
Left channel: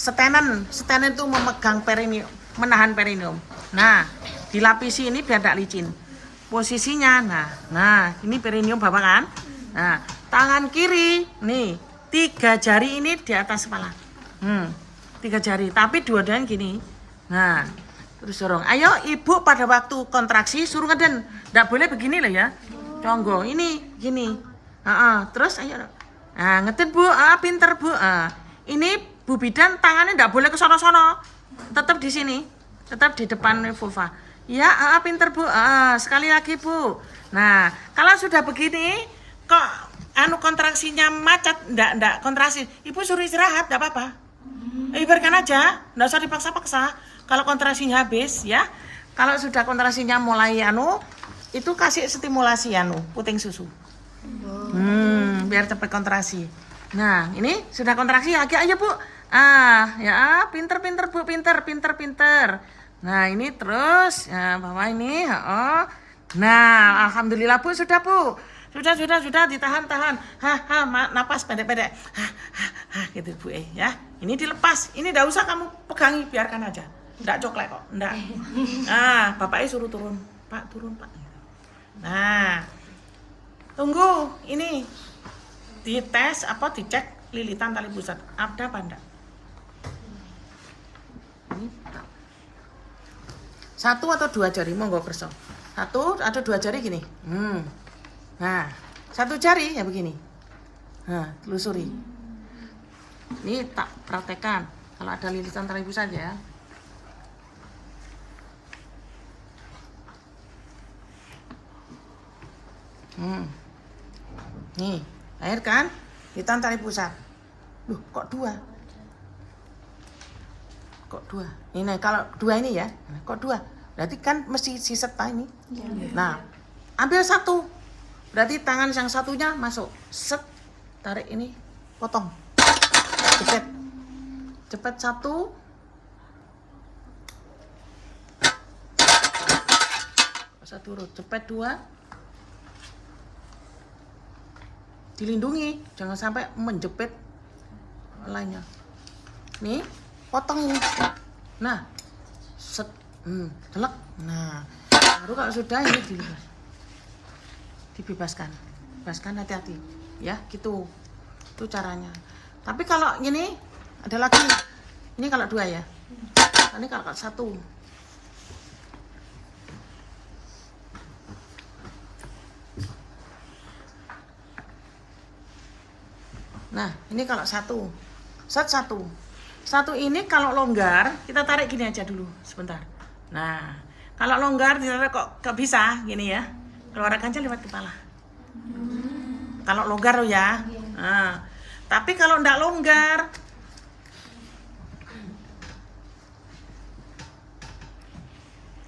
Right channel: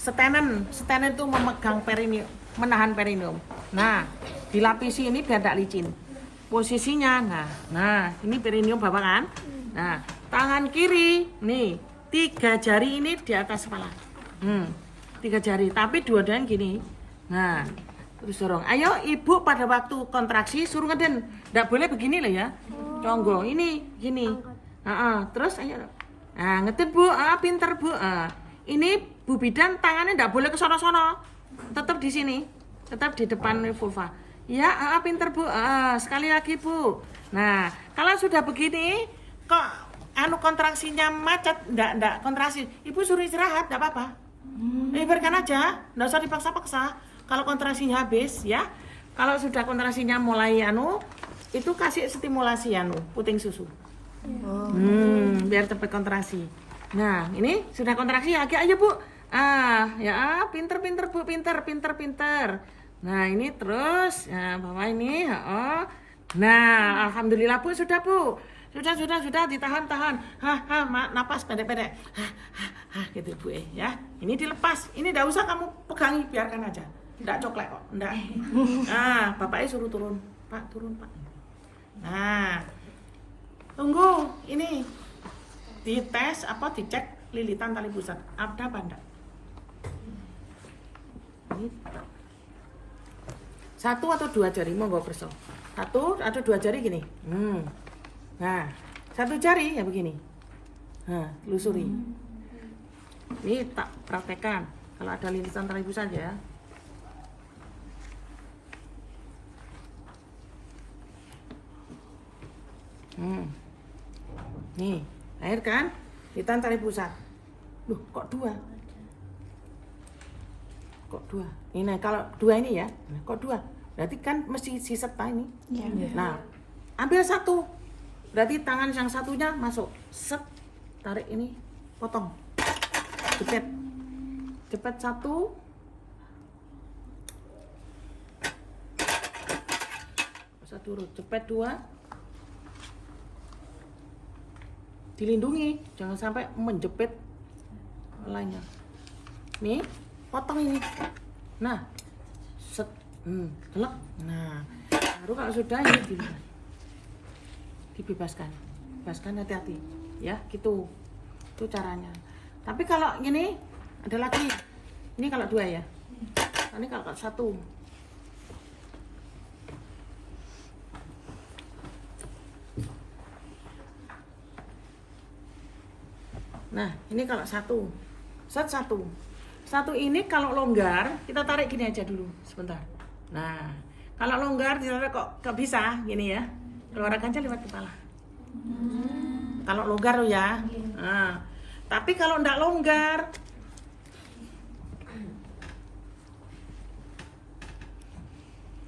stenen itu memegang perineum, menahan perineum. Nah, dilapisi ini biar tidak licin. Posisinya, nah ini perineum Bapak kan? Nah, tangan kiri, nih 3 jari ini di atas kepala. 3 jari, tapi dua-duanya gini. Nah, terus dorong. Ayo ibu pada waktu kontraksi suruh ngeden. Nggak boleh begini loh ya. Conggo ini gini. Terus ayo. Nah, ngeden Bu. Pinter Bu. Ini Bu bidan tangannya nggak boleh ke sono-sono. Tetap di sini. Tetap di depan vulva. Ya, pinter Bu. Sekali lagi Bu. Nah, kalau sudah begini kok kontraksinya macet, ndak kontraksi. Ibu suruh istirahat, nggak apa-apa. Biarkan aja, nggak usah dipaksa-paksa. Kalau kontraksinya habis ya. Kalau sudah kontraksinya mulai itu kasih stimulasi puting susu. Biar cepat kontraksi. Nah, ini sudah kontraksi agak aja Bu. Ya, pinter Bu, pinter. Nah, ini terus ya, bawa ini, Nah, alhamdulillah Bu, sudah Bu. Sudah ditahan. Napas pendek-pendek. Gitu Bu ya. Ini dilepas. Ini enggak usah kamu pegangi, biarkan aja. Enggak coklek kok, enggak. Bapaknya suruh turun. Pak, turun, Pak. Nah, tunggu ini dites dicek lilitan tali pusat ada apa enggak. Ini 1 atau 2 jari monggo kerso. 1 atau 2 jari gini. Nah, 1 jari ya begini. Nah, telusuri. Ini tak praktekkan kalau ada lilitan tali pusat ya. Nih, air kan? Lilitan tali pusat. Loh, kok 2? Ini kalau 2 ini ya. Kok 2? Berarti kan mesti siset ini. Nah, ambil 1. Berarti tangan yang satunya masuk. Set, tarik ini, potong. Cepet 1. Usah turun. Cepet 2. dilindungi, jangan sampai menjepit lainnya. Nih, potong ini. Nah, set, telak. Nah, baru kalau sudah ini dibebaskan. Bebaskan, hati-hati, ya, gitu. Itu caranya. Tapi kalau gini, ada lagi. Ini kalau 2 ya. Ini kalau 1. Nah, ini kalau 1. Set 1. 1 ini kalau longgar, kita tarik gini aja dulu sebentar. Nah, kalau longgar ditarik kok gak bisa gini ya. Keluarkan aja lewat kepala. Kalau longgar loh ya. Nah, tapi kalau enggak longgar,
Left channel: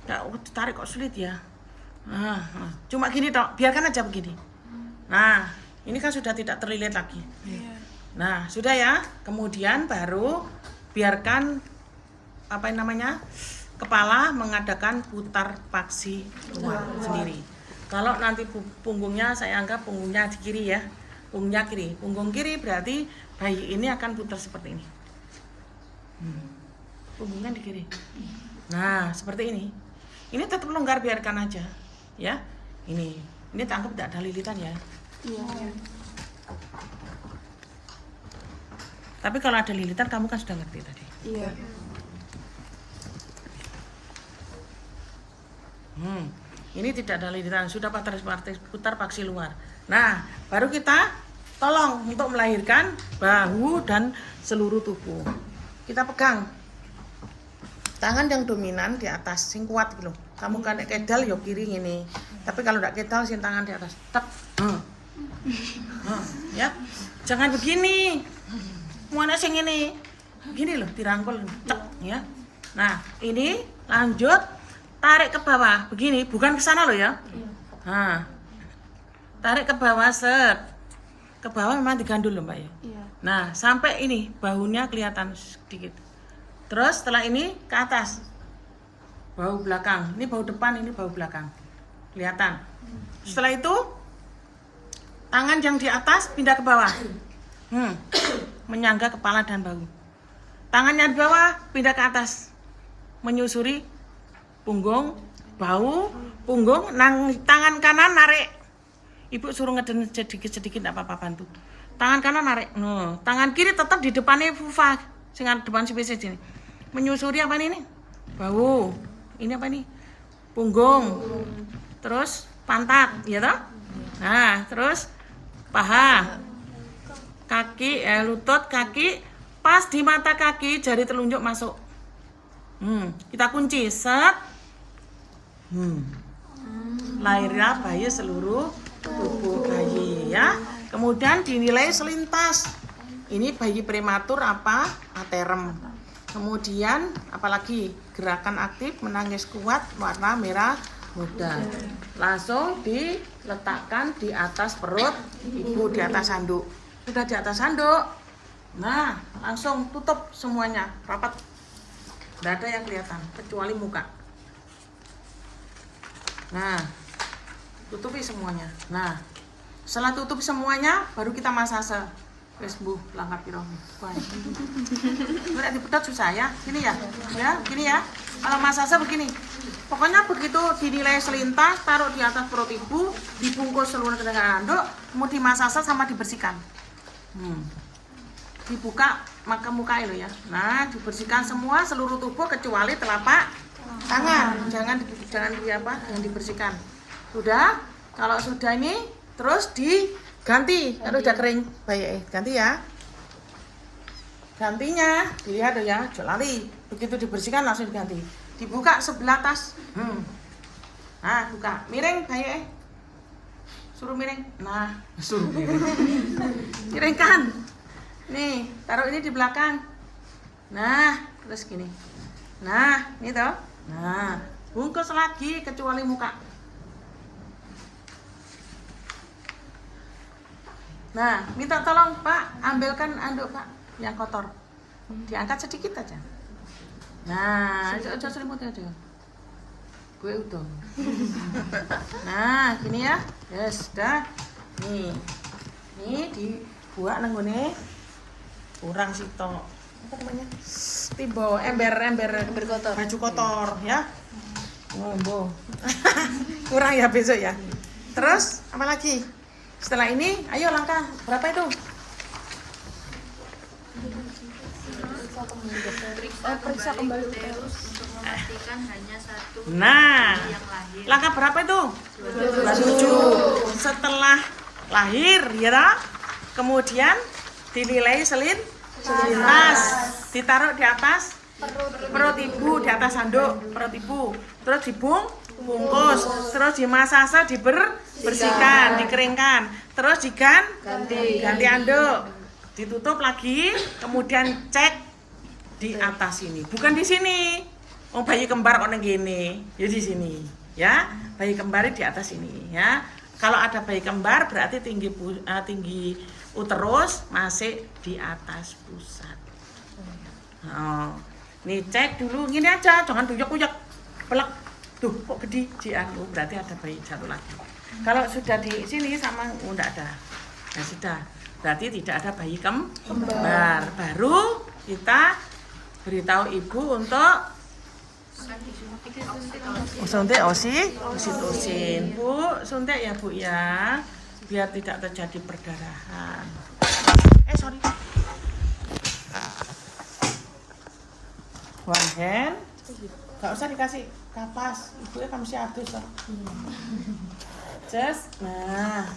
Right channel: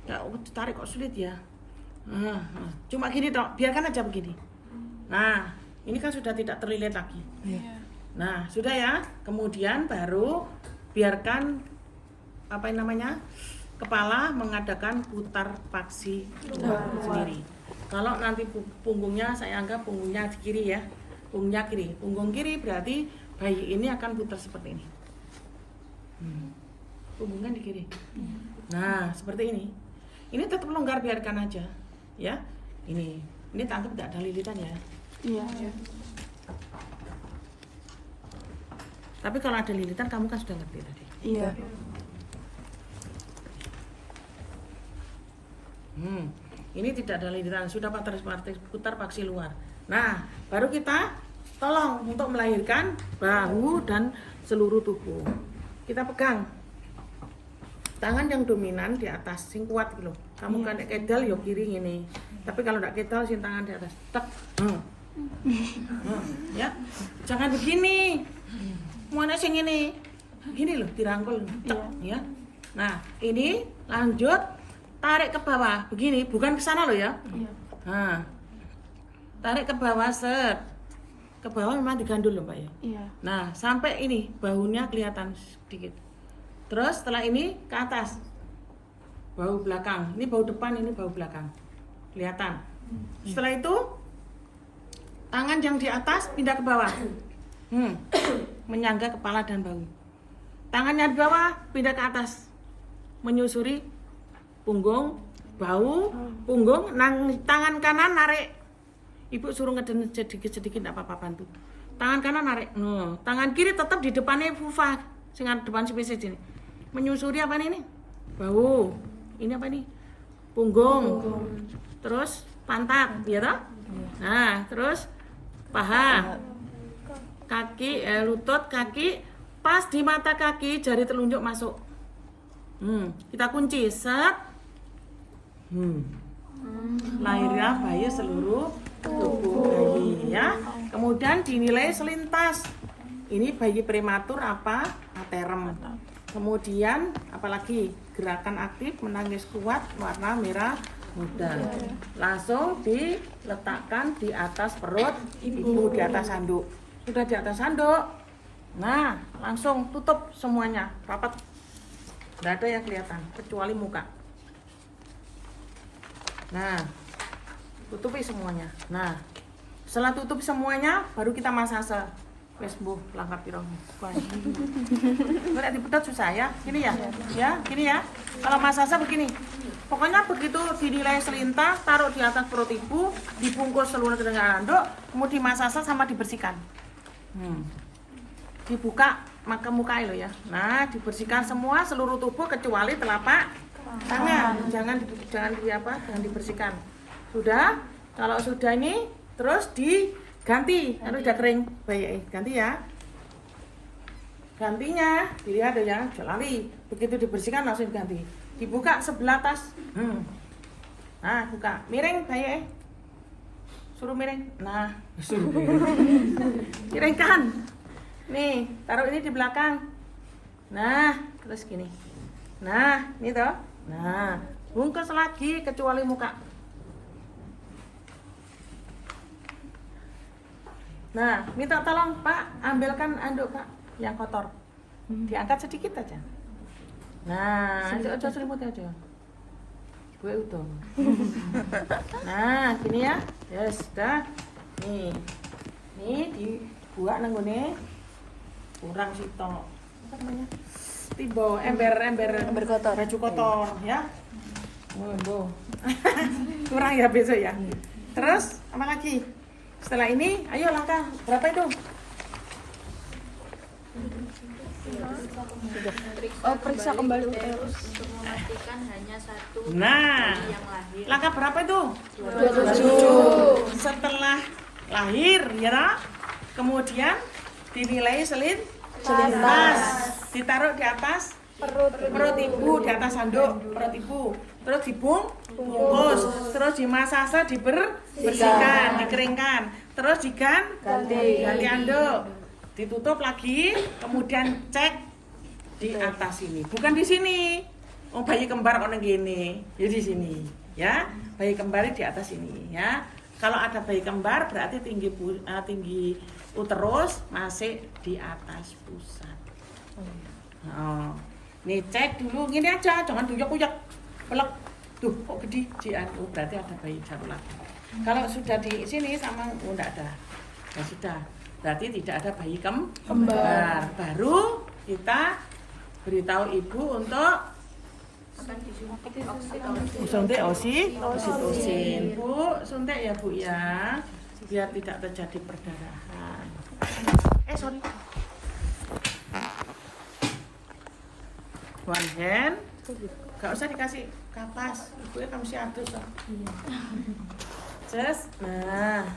ya tarik kok sulit ya. Cuma gini dok, biarkan aja begini. Nah, ini kan sudah tidak terlilit lagi. Nah, sudah ya. Kemudian baru biarkan apa namanya? Kepala mengadakan putar paksi sendiri. Kalau nanti punggungnya, saya anggap punggungnya di kiri ya. Punggungnya kiri. Punggung kiri berarti bayi ini akan putar seperti ini. Punggungnya di kiri. Nah, seperti ini. Ini tetap longgar, biarkan aja. Ya. Ini anggap tidak ada lilitan ya. Iya. Tapi kalau ada lilitan kamu kan sudah ngerti tadi. Iya. Ini tidak ada lilitan, sudah putar paksi luar. Nah, baru kita tolong untuk melahirkan bahu dan seluruh tubuh. Kita pegang tangan yang dominan di atas, sing kuat gitu. Kamu kan kedal yo kiri ini. Tapi kalau enggak kedal, sing tangan di atas. Tek. Ya. Jangan begini. Mana sing ini? Gini loh, dirangkul cek ya. Nah, ini lanjut tarik ke bawah. Begini, bukan ke sana loh ya. Nah. Tarik ke bawah set. Ke bawah memang digandul loh, Mbak ya. Iya. Nah, sampai ini bahunya kelihatan sedikit. Terus setelah ini ke atas. Bahu belakang. Ini bahu depan, ini bahu belakang. Kelihatan. Setelah itu tangan yang di atas pindah ke bawah. Menyangga kepala dan bahu. Tangannya di bawah pindah ke atas, menyusuri punggung, bahu, punggung. Tangan kanan narik. Ibu suruh ngeden sedikit tidak apa-apa, bantu. Tangan kanan narik. Tangan kiri tetap di depannya vulva, dengan depan spesies ini. Menyusuri apa ini? Bahu. Ini apa ini? Punggung. Terus pantat, ya toh? Nah, terus paha. Kaki, lutut, kaki, pas di mata kaki, jari telunjuk masuk. Kita kunci, set. Lahirnya bayi seluruh tubuh bayi ya. Kemudian dinilai selintas. Ini bayi prematur apa? Aterem. Kemudian apalagi gerakan aktif, menangis kuat, warna merah muda. Langsung diletakkan di atas perut ibu, di atas handuk. Sudah di atas handuk, nah langsung tutup semuanya rapat, tidak ada yang kelihatan kecuali muka. Nah, tutupi semuanya. Nah, setelah tutup semuanya baru kita masase. Wes Bu, langkah piro. Ora dipedot susah ya. Gini ya. Ya, gini ya. Kalau masase begini. Pokoknya begitu dinilai selintas, taruh di atas perut ibu, dibungkus seluruh dengan handuk, kemudian dimasase sama dibersihkan. Dibuka maka muka lo ya. Nah, dibersihkan semua seluruh tubuh kecuali telapak tangan. Jangan dibersihkan. Sudah? Kalau sudah ini terus diganti. Kalau sudah kering, baik ganti ya. Gantinya dilihat ya, jangan lari. Begitu dibersihkan langsung diganti. Dibuka sebelah atas. Nah, buka. Miring baik. Suruh miring. Nah, suruh miring. Miringkan. Nih, taruh ini di belakang. Nah, terus gini. Nah, ini toh. Nah, bungkus lagi kecuali muka. Nah, minta tolong Pak, ambilkan anduk Pak yang kotor. Diangkat sedikit aja. Nah, aja selimut aja. Gue udah. Nah, gini ya. Ya sudah. Nih. Ini dibuat nang ngene kurang sitok. Apa namanya? Timbo ember kotor. Baju kotor ya. Timbo. Kurang ya besok ya. Terus apa lagi? Setelah ini ayo langkah berapa itu? Periksa kembali Teus untuk memastikan hanya satu Nah, yang lahir. langkah berapa itu? 27. Setelah lahir ya toh? Kemudian dinilai selintas, ditaruh di atas perut ibu, di atas handuk perut ibu, terus dibungkus, terus dimasasa, dibersihkan, dikeringkan, terus ganti handuk, ditutup lagi, kemudian cek di atas sini, bukan di sini. Oh, bayi kembar orang gini, ya di sini, ya. Bayi kembar di atas ini, ya. Kalau ada bayi kembar berarti tinggi uterus masih di atas pusat. Oh, nih cek dulu, gini aja, jangan uyek-uyek, pelek. Tuh, kok gede jian? Oh, berarti ada bayi satu lagi. Kalau sudah di sini sama, oh enggak ada, ya sudah. Berarti tidak ada bayi kembar. Baru kita beritahu ibu untuk suntik oksitosin. Bu, suntik ya Bu ya, biar tidak terjadi perdarahan. Sorry. One hand, gak usah dikasih kapas, ibu ya kamu sih adus lah. Just, nah,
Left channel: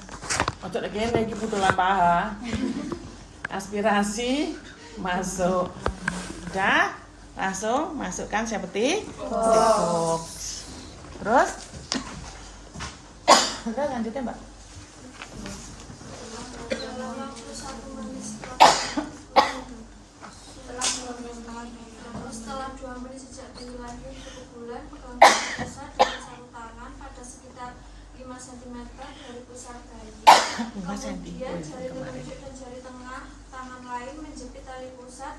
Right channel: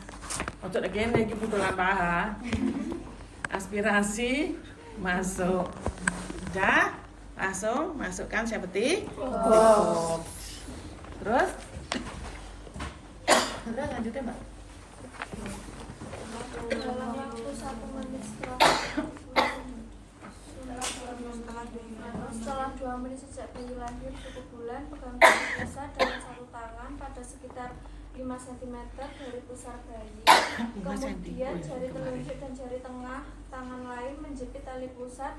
untuk lagi ini butuh paha. Aspirasi masuk. Udah, langsung masukkan seperti cukup. Terus udah lanjutkan Mbak. Dalam waktu 1 menit setelah 2 menit sejak bayi lahir cukup bulan, pegangkan pusat dengan satu tangan pada sekitar 5 cm dari pusar bayi. Kemudian jari telunjuk dan jari tengah tangan lain menjepit tali pusat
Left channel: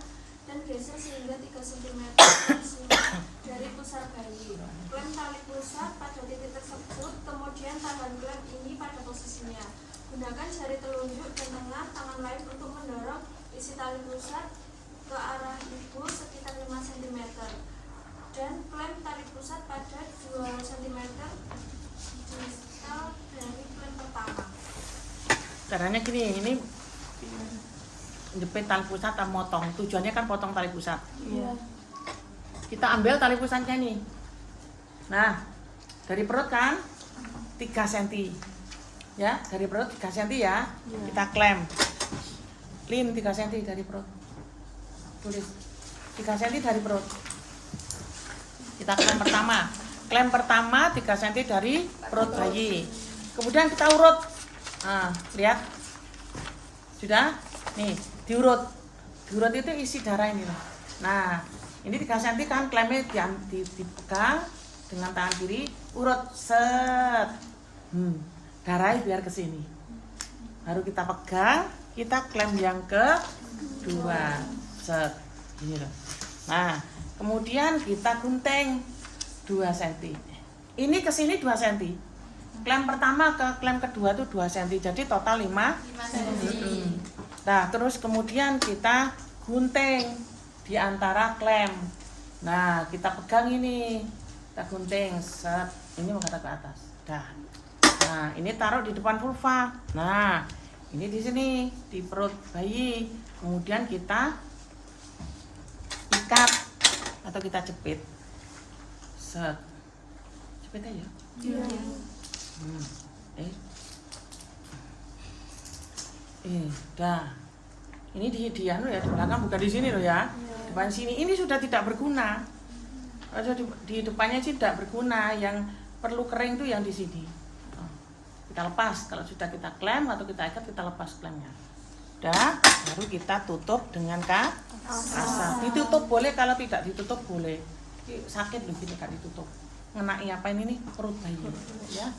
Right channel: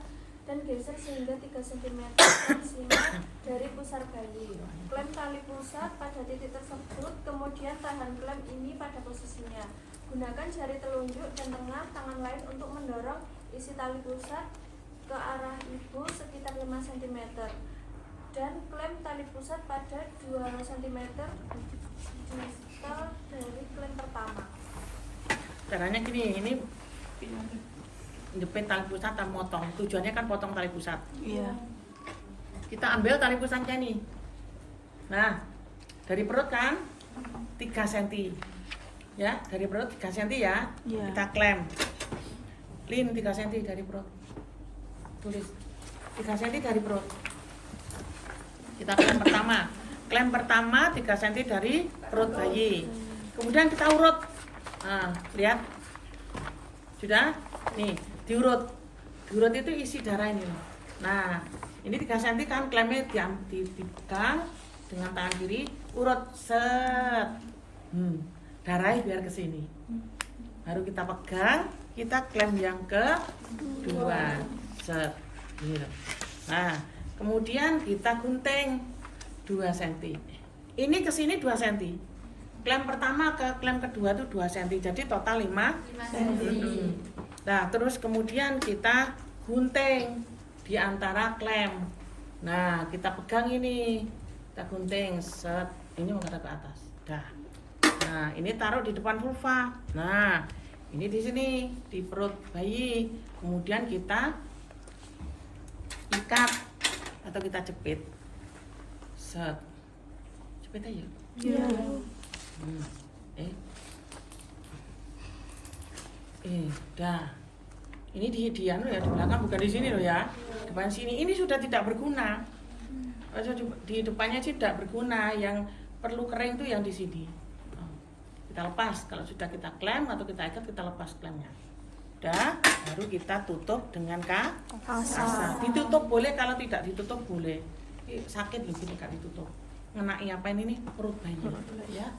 dan geser sehingga 3 cm maksimal dari pusar bayi. Klem tali pusat pada titik tersebut, kemudian tahan klem ini pada posisinya. Gunakan jari telunjuk dan tengah tangan lain untuk mendorong isi tali pusat ke arah ibu sekitar 5 cm dan klem tali pusat pada 2 cm distal dari klem pertama. Caranya gini, ini jepit tali pusat atau motong. Tujuannya kan potong tali pusat. Iya. Kita ambil tali pusatnya nih. Nah, dari perut kan 3 cm. Ya, dari perut 3 cm ya. Kita klem. Lin 3 cm dari perut. Tulis 3 cm dari perut. Kita klem pertama. Klem pertama 3 cm dari perut bayi. Kemudian kita urut. Nah, lihat. Sudah? Nih, diurut. Diurut itu isi darah ini loh. Nah, ini 3 cm kan klemnya dipegang dengan tangan kiri, urut set. Darahnya biar ke sini. Baru kita pegang, kita klem yang kedua. Set. Ini loh. Nah, kemudian kita gunting 2 cm. Ini ke sini 2 cm. Klem pertama ke klem kedua itu 2 cm. Jadi total 5 cm. Nah, terus kemudian kita gunting di antara klem. Nah, kita pegang ini. Kita gunting set. Ini menghadap ke atas. Dah. Nah, ini taruh di depan vulva. Nah, ini di sini di perut bayi. Kemudian kita ikat atau kita jepit. Set. Jepit aja. Iya. Dah. Ini di anu ya, di belakang bukan di sini loh ya. Depan sini. Ini sudah tidak berguna. Kalau di depannya sih tidak berguna. Yang perlu kering tuh yang di sini. Kita lepas. Kalau sudah kita klem atau kita ikat, kita lepas klemnya. Udah, baru kita tutup dengan kasa. Ditutup boleh, kalau tidak ditutup boleh. Sakit loh gini kalau ditutup. Ngenai apa ini nih? Perut bayi ya.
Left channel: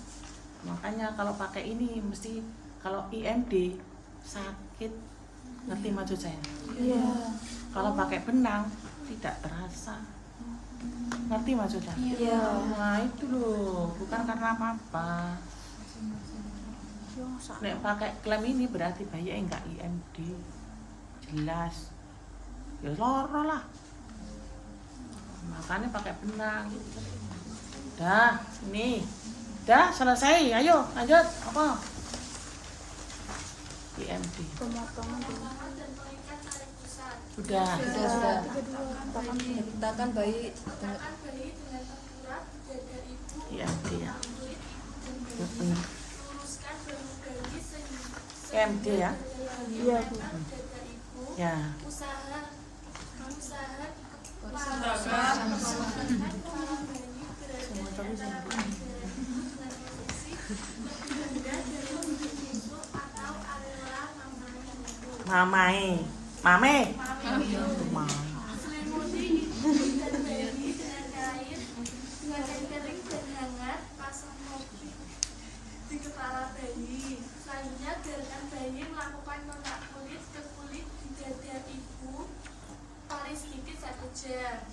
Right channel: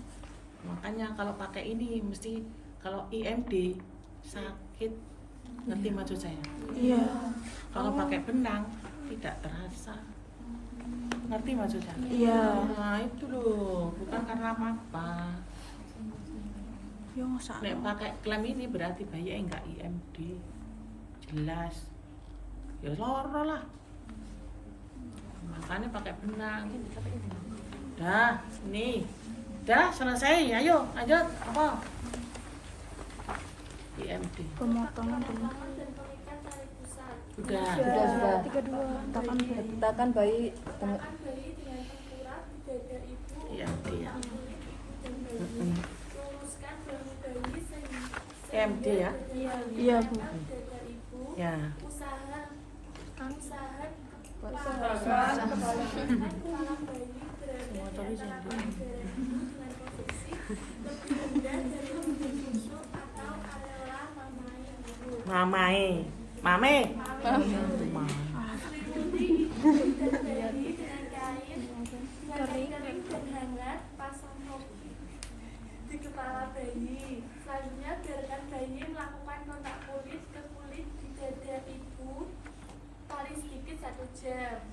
Makanya kalau pakai ini mesti kalau IMD sakit. Ngerti maksud saya? Iya. Kalau pakai benang tidak terasa. Ngerti maksudnya? Iya. Nah, itu loh, bukan karena apa-apa. Nek pakai klem ini berarti bayi enggak IMD. Jelas. Ya loro lah. Makanya pakai benang. Dah, ini. Dah selesai. Ayo, lanjut. Apa? IMD. Sudah. Letakkan bayi Letakkan bayi dengan tengkurap di dada ibu, IMD ya. kulit ibu dan bayi. Luruskan bahu bayi IMD ya. Iya. Dada ibu. Ya. Usaha Usaha kepala bayi berada Semua cowok dalam IMD. dan posisi lebih rendah dari ujung tusuk atau adalah mamai. Mame. Selimuti ibu dan bayi dengan kain kering dan hangat, pasang topi di kepala bayi. Selanjutnya biarkan bayi melakukan kontak kulit ke kulit di dada ibu paling sedikit 1 jam.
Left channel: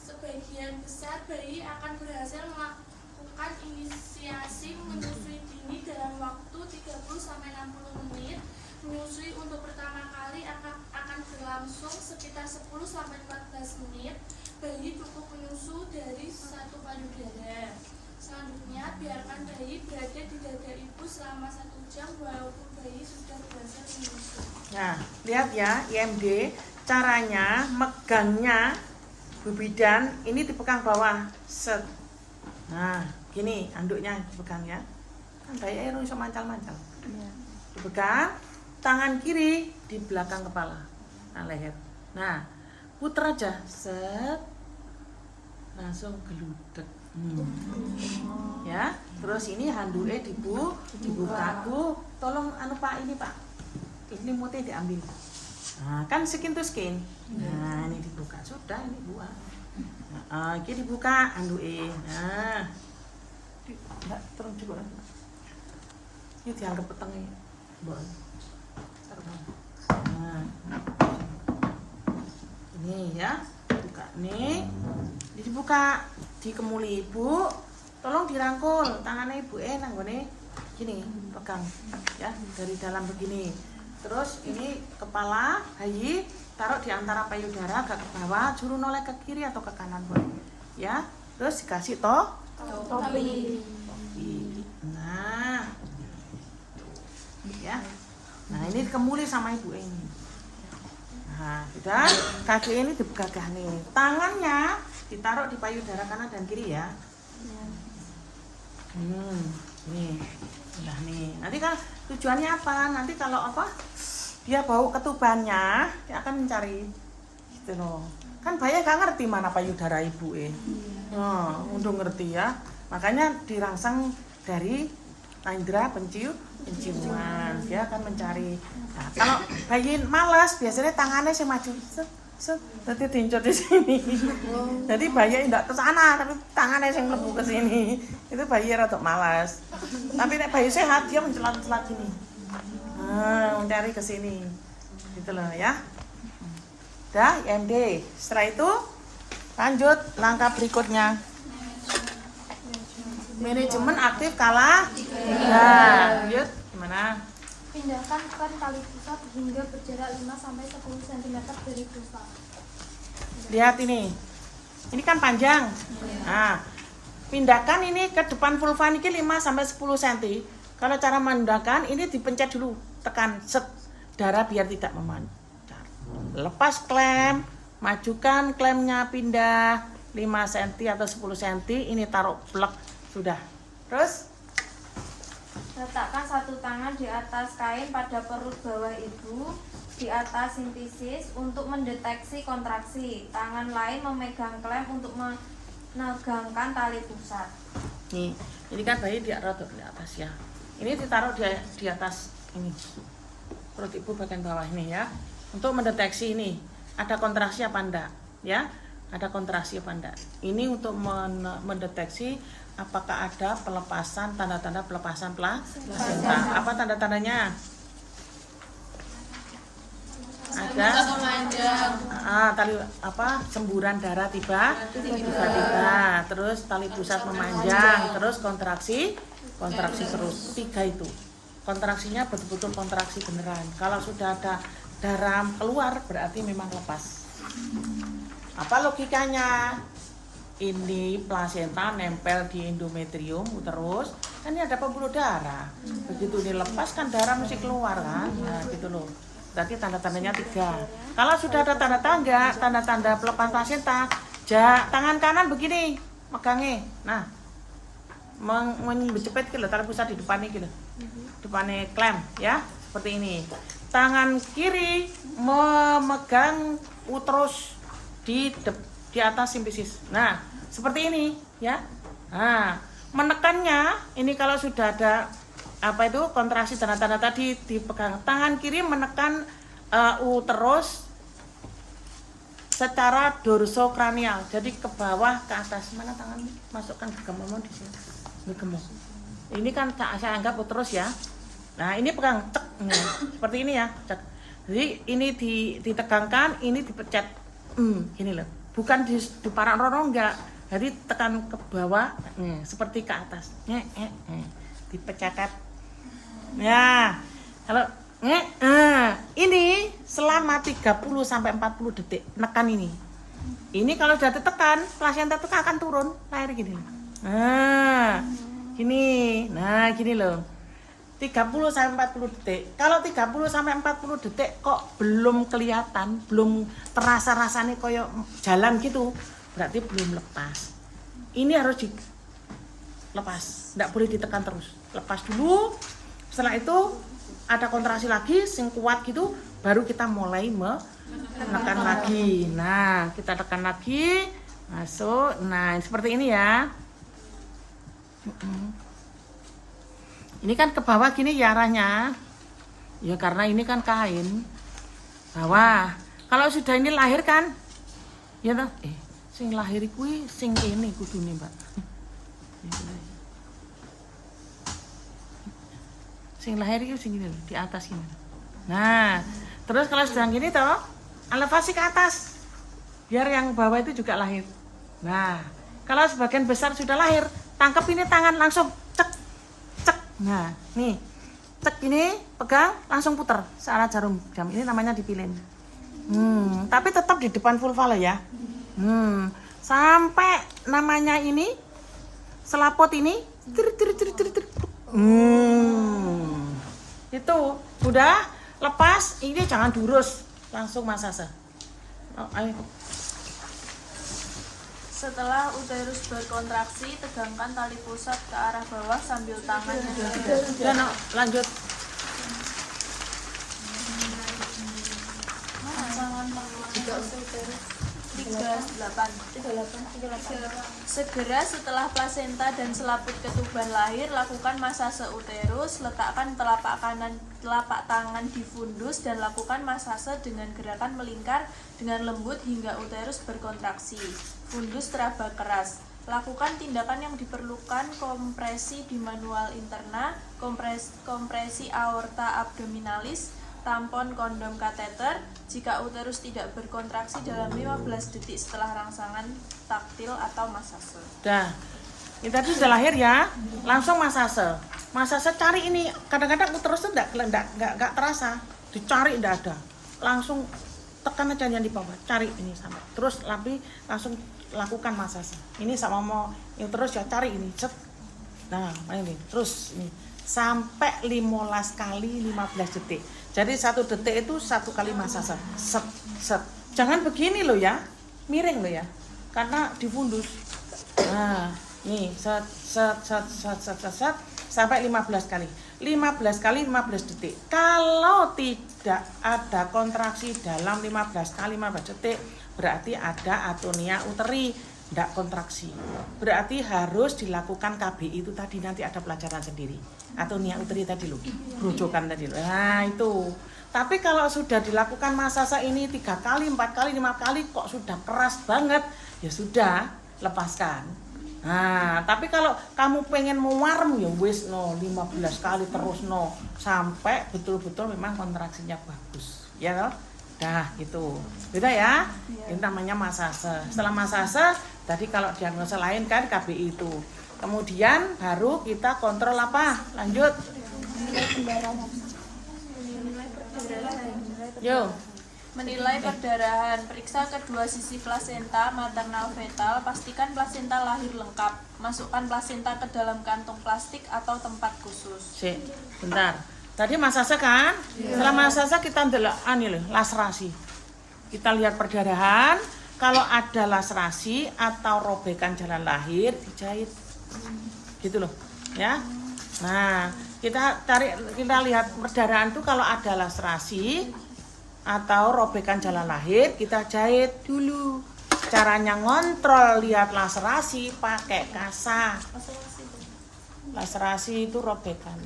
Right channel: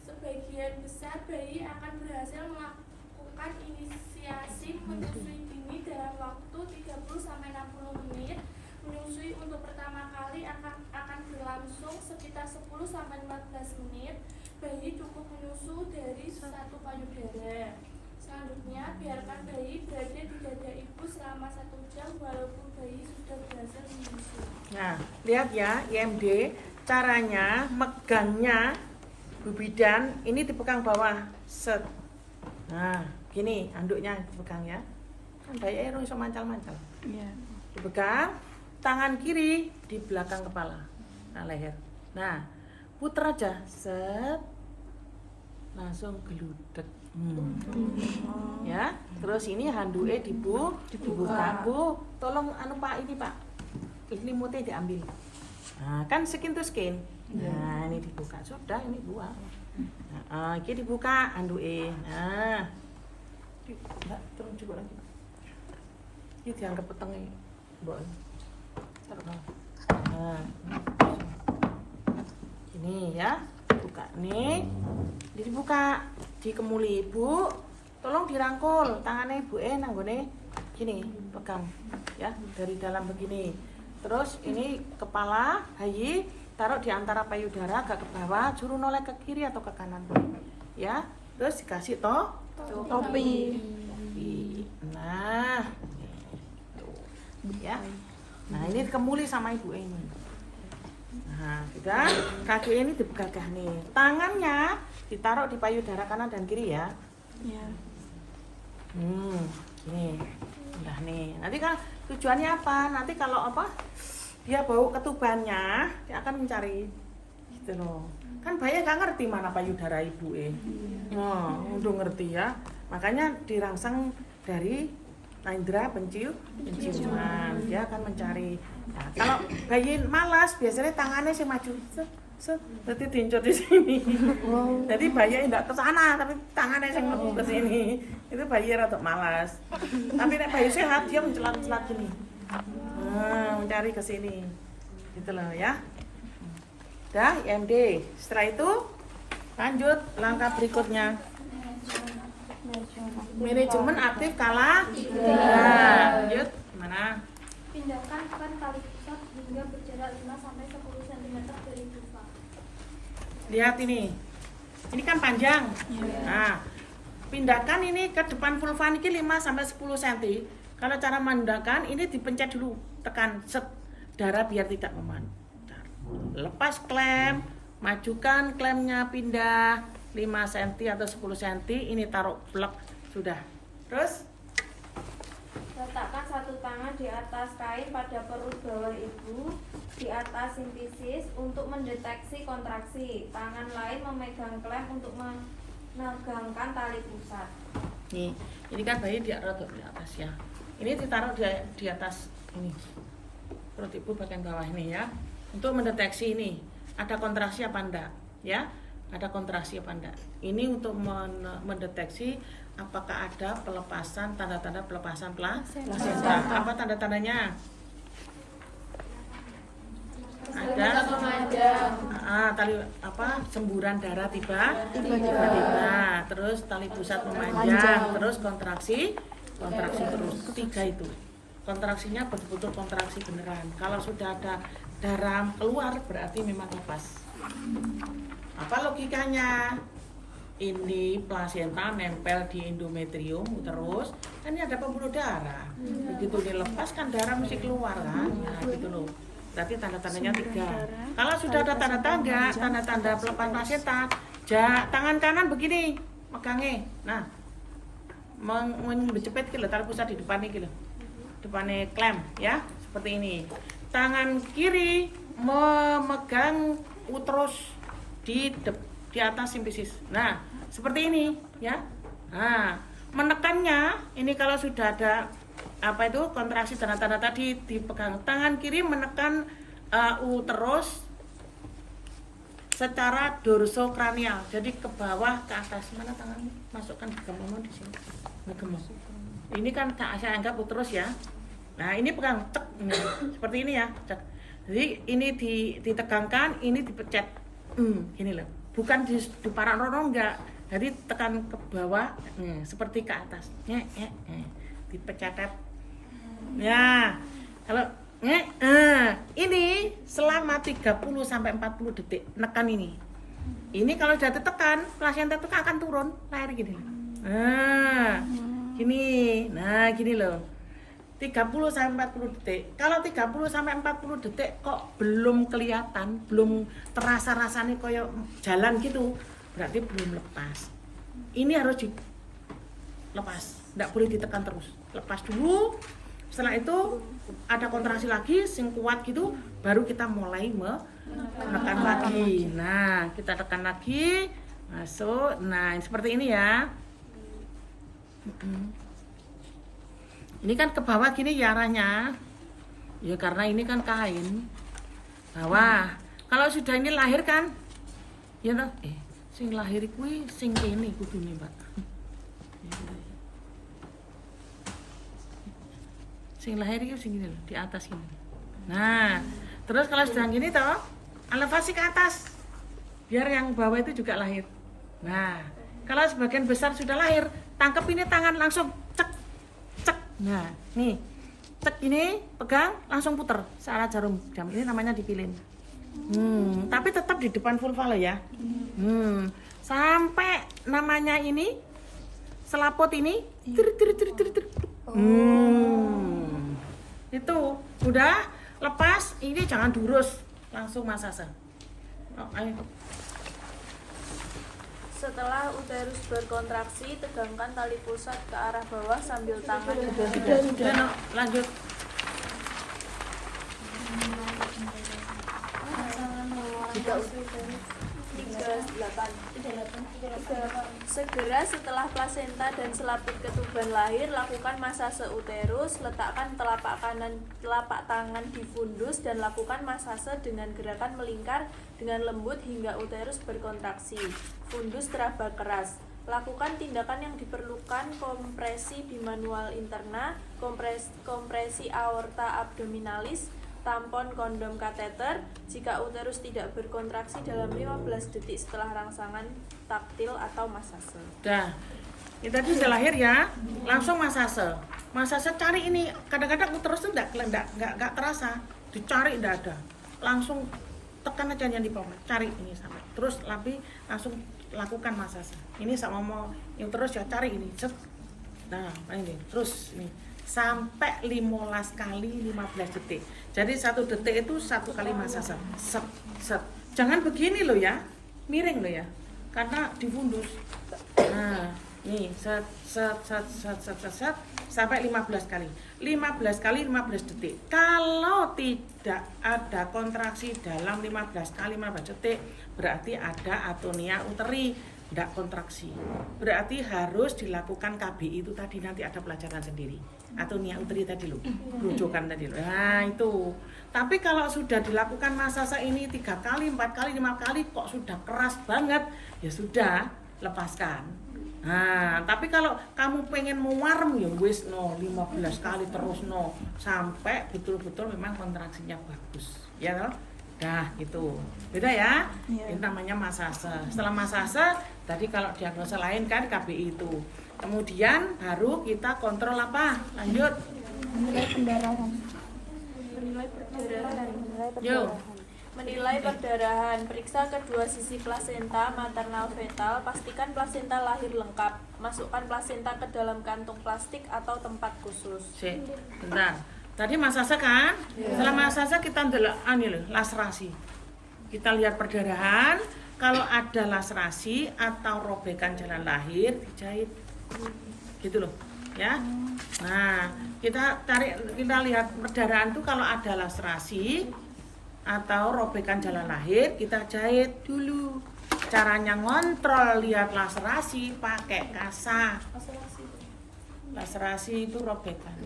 Sebagian besar bayi akan berhasil melakukan inisiasi menyusui dini dalam waktu 30-60 menit. Menyusui untuk pertama kali akan berlangsung sekitar 10-14 menit. Bayi cukup menyusu dari 1 payudara. Selanjutnya, biarkan bayi berada di dada ibu selama 1 jam walaupun bayi sudah berhasil menyusu. Nah, lihat ya IMD. Caranya megangnya Bu Bidan ini dipegang bawah. Set. Nah, gini anduknya dipegang ya. Kan bayi air bisa mancal-mancal. Dipegang. Tangan kiri di belakang kepala, nah leher. Nah, puter aja, set, langsung geludek. Ya, terus ini handuknya dibuka. Bu, tolong anu Pak ini Pak, ini mutnya diambil. Nah, kan skin to skin. Nah, ini dibuka, sudah ini buang. Nah, ini dibuka handuknya. Nah, enggak terus juga lagi. Ini dianggap petengnya, Bu. Nah, ini ya, buka nih, dibuka, dikemuli ibu, tolong dirangkul tangannya ibu nanggone gini, pegang ya dari dalam begini. Terus ini kepala bayi taruh di antara payudara agak ke bawah, suruh noleh ke kiri atau ke kanan boleh, ya. Terus dikasih topi. Nah, tuh, ya. Nah ini dikemuli sama ibu ini. Nah sudah, kaki ini digagah nih. Tangannya ditaruh di payudara kanan dan kiri ya. Nih, udah nih. Nanti kan tujuannya apa? Nanti kalau apa? Dia bau ketubannya, dia akan mencari. Gitu loh. Kan bayi gak ngerti mana payudara ibu untuk ngerti ya. Makanya dirangsang dari indera penciuman, dia akan mencari. Nah, kalau bayi malas biasanya tangannya sih maju, nanti diincut di sini. Jadi bayi tidak ke sana, tapi tangannya sih mlebu ke sini. Itu bayi rada malas. Tapi nek bayi sehat dia mencelat-celat gini. Mencari ke sini. Gitu loh ya. Dah IMD. Setelah itu lanjut langkah berikutnya. Manajemen aktif kala lanjut gimana? Pindahkan klem tali pusat hingga berjarak 5-10 cm dari pusat. Lihat ini kan panjang. Nah, pindahkan ini ke depan vulva ini 5-10 cm. Kalau cara memindahkan ini dipencet dulu, tekan set, darah biar tidak memancar. Lepas klem, majukan klemnya pindah 5 cm atau 10 cm, ini taruh plek. Sudah. Terus Letakkan satu tangan di atas kain pada perut bawah ibu, di atas sintesis untuk mendeteksi kontraksi. Tangan lain memegang klem untuk menegangkan tali pusat. nih, ini kan bayi di atas ya. Ini ditaruh di atas ini. Perut ibu bagian bawah ini ya. Untuk mendeteksi ini ada kontraksi apa enggak, ya? Ada kontraksi apa enggak. Ini untuk mendeteksi apakah ada pelepasan, tanda-tanda pelepasan plasenta. Apa tanda-tandanya? Ada tali semburan darah tiba-tiba, terus tali pusat memanjang, terus kontraksi terus. 3 itu. kontraksinya betul-betul kontraksi beneran. Kalau sudah ada darah keluar berarti memang lepas. Apa logikanya? Ini plasenta nempel di endometrium uterus, kan ini ada pembuluh darah. Begitu ini lepas kan darah mesti keluar kan, nah gitu loh. Berarti tanda-tandanya 3. Kalau sudah ada tanda-tanda pelepasan plasenta, tangan kanan begini, megangnya. Nah, menjepit gitu, taruh pusat di depan ini gitu, depannya klem ya, seperti ini. Tangan kiri memegang uterus di atas simfisis. Nah, seperti ini ya. Nah, menekannya ini kalau sudah ada apa itu kontraksi tanda-tanda tadi dipegang. Tangan kiri menekan uterus secara dorsokranial. Jadi ke bawah ke atas. Mana tanganmu? Masukkan gemomu di sini. Gemuk. Ini kan saya anggap uterus ya. Nah, ini pegang cek. Nah, seperti ini ya, cek. Jadi ini ditegangkan, ini dipecat. Gini loh. Bukan di parak rono enggak. Jadi tekan ke bawah, seperti ke atas. Dipecat. Ya. Kalau ini selama 30 sampai 40 detik nekan ini. Ini kalau sudah ditekan, plasenta itu akan turun, lahir gini. Nah, gini. Nah, gini loh. 30 sampai 40 detik. Kalau 30 sampai 40 detik kok belum kelihatan, belum terasa rasanya koyo jalan gitu, berarti belum lepas. Ini harus dilepas, tidak boleh ditekan terus. Lepas dulu. Setelah itu ada kontraksi lagi, sing kuat gitu, baru kita mulai menekan lagi. Nah, kita tekan lagi, masuk. Nah, seperti ini ya. Ini kan ke bawah gini ya arahnya. Ya karena ini kan kain. Bawah. Kalau sudah ini lahir kan? Ya toh? Sing lahir kuwi sing kene kudune, Mbak. Sing lahir itu sing gini di atas ini. Nah, terus kalau sedang gini toh, elevasi ke atas. Biar yang bawah itu juga lahir. Nah, kalau sebagian besar sudah lahir, tangkap ini tangan langsung cek. Nah, nih, cek ini, pegang, langsung puter searah jarum jam. Ini namanya dipilin. Tapi tetap di depan vulva loh ya. Sampai namanya ini, selaput ini, itu udah lepas. Ini jangan diurus, langsung masase. Oh, ayo. Setelah uterus berkontraksi, tegangkan tali pusat ke arah bawah sambil tangan Dan lanjut. Segera setelah plasenta dan selaput ketuban lahir, lakukan masase uterus. Letakkan telapak tangan di fundus dan lakukan masase dengan gerakan melingkar dengan lembut hingga uterus berkontraksi. Fundus teraba keras. Lakukan tindakan yang diperlukan: kompresi di manual interna, kompresi aorta abdominalis, tampon kondom kateter. Jika uterus tidak berkontraksi dalam 15 detik setelah rangsangan taktil atau masase. Dah, ini tadi sudah lahir ya, langsung masase. Masase cari ini, kadang-kadang uterus itu enggak terasa, dicari enggak ada. Langsung tekan aja yang di bawah, cari ini sama. Terus langsung lakukan masase. Ini sama mau uterus ya cari ini, set. Nah, ini terus ini sampai 15 kali 15 detik. Jadi 1 detik itu 1 kali masase. Set. Jangan begini loh ya. Miring loh ya. Karena difundus. Nah, nih set sampai 15 kali. 15 kali 15 detik. Kalau tidak ada kontraksi dalam 15 kali 15 detik, berarti ada atonia uteri, tidak kontraksi. Berarti harus dilakukan KBI itu tadi, nanti ada pelajaran sendiri. Atonia uteri tadi loh, rujukan tadi loh. Nah itu. Tapi kalau sudah dilakukan masase ini 3 kali, 4 kali, 5 kali kok sudah keras banget, ya sudah, lepaskan. Nah, tapi kalau kamu pengen mewarm ya wis 15 kali terus sampai betul-betul memang kontraksinya bagus. Ya loh. Dah gitu. Beda ya. Ini namanya masase. Setelah masase, tadi kalau diagnosa lain kan KBI itu. Kemudian baru kita kontrol apa? Lanjut. Menilai perdarahan. Yo. Menilai perdarahan, periksa kedua sisi plasenta maternal fetal, pastikan plasenta lahir lengkap. Masukkan plasenta ke dalam kantong plastik atau tempat khusus. Sik, bentar. Tadi Mas Asa kan? Setelah Mas Asa kita ndelok laserasi. Kita lihat perdarahan, kalau ada laserasi atau robekan jalan lahir, dijahit. Gitu loh, ya. Nah, kita lihat perdarahan itu kalau ada laserasi atau robekan jalan lahir, kita jahit dulu. Caranya ngontrol lihat laserasi pakai kasa. Laserasi itu robekan.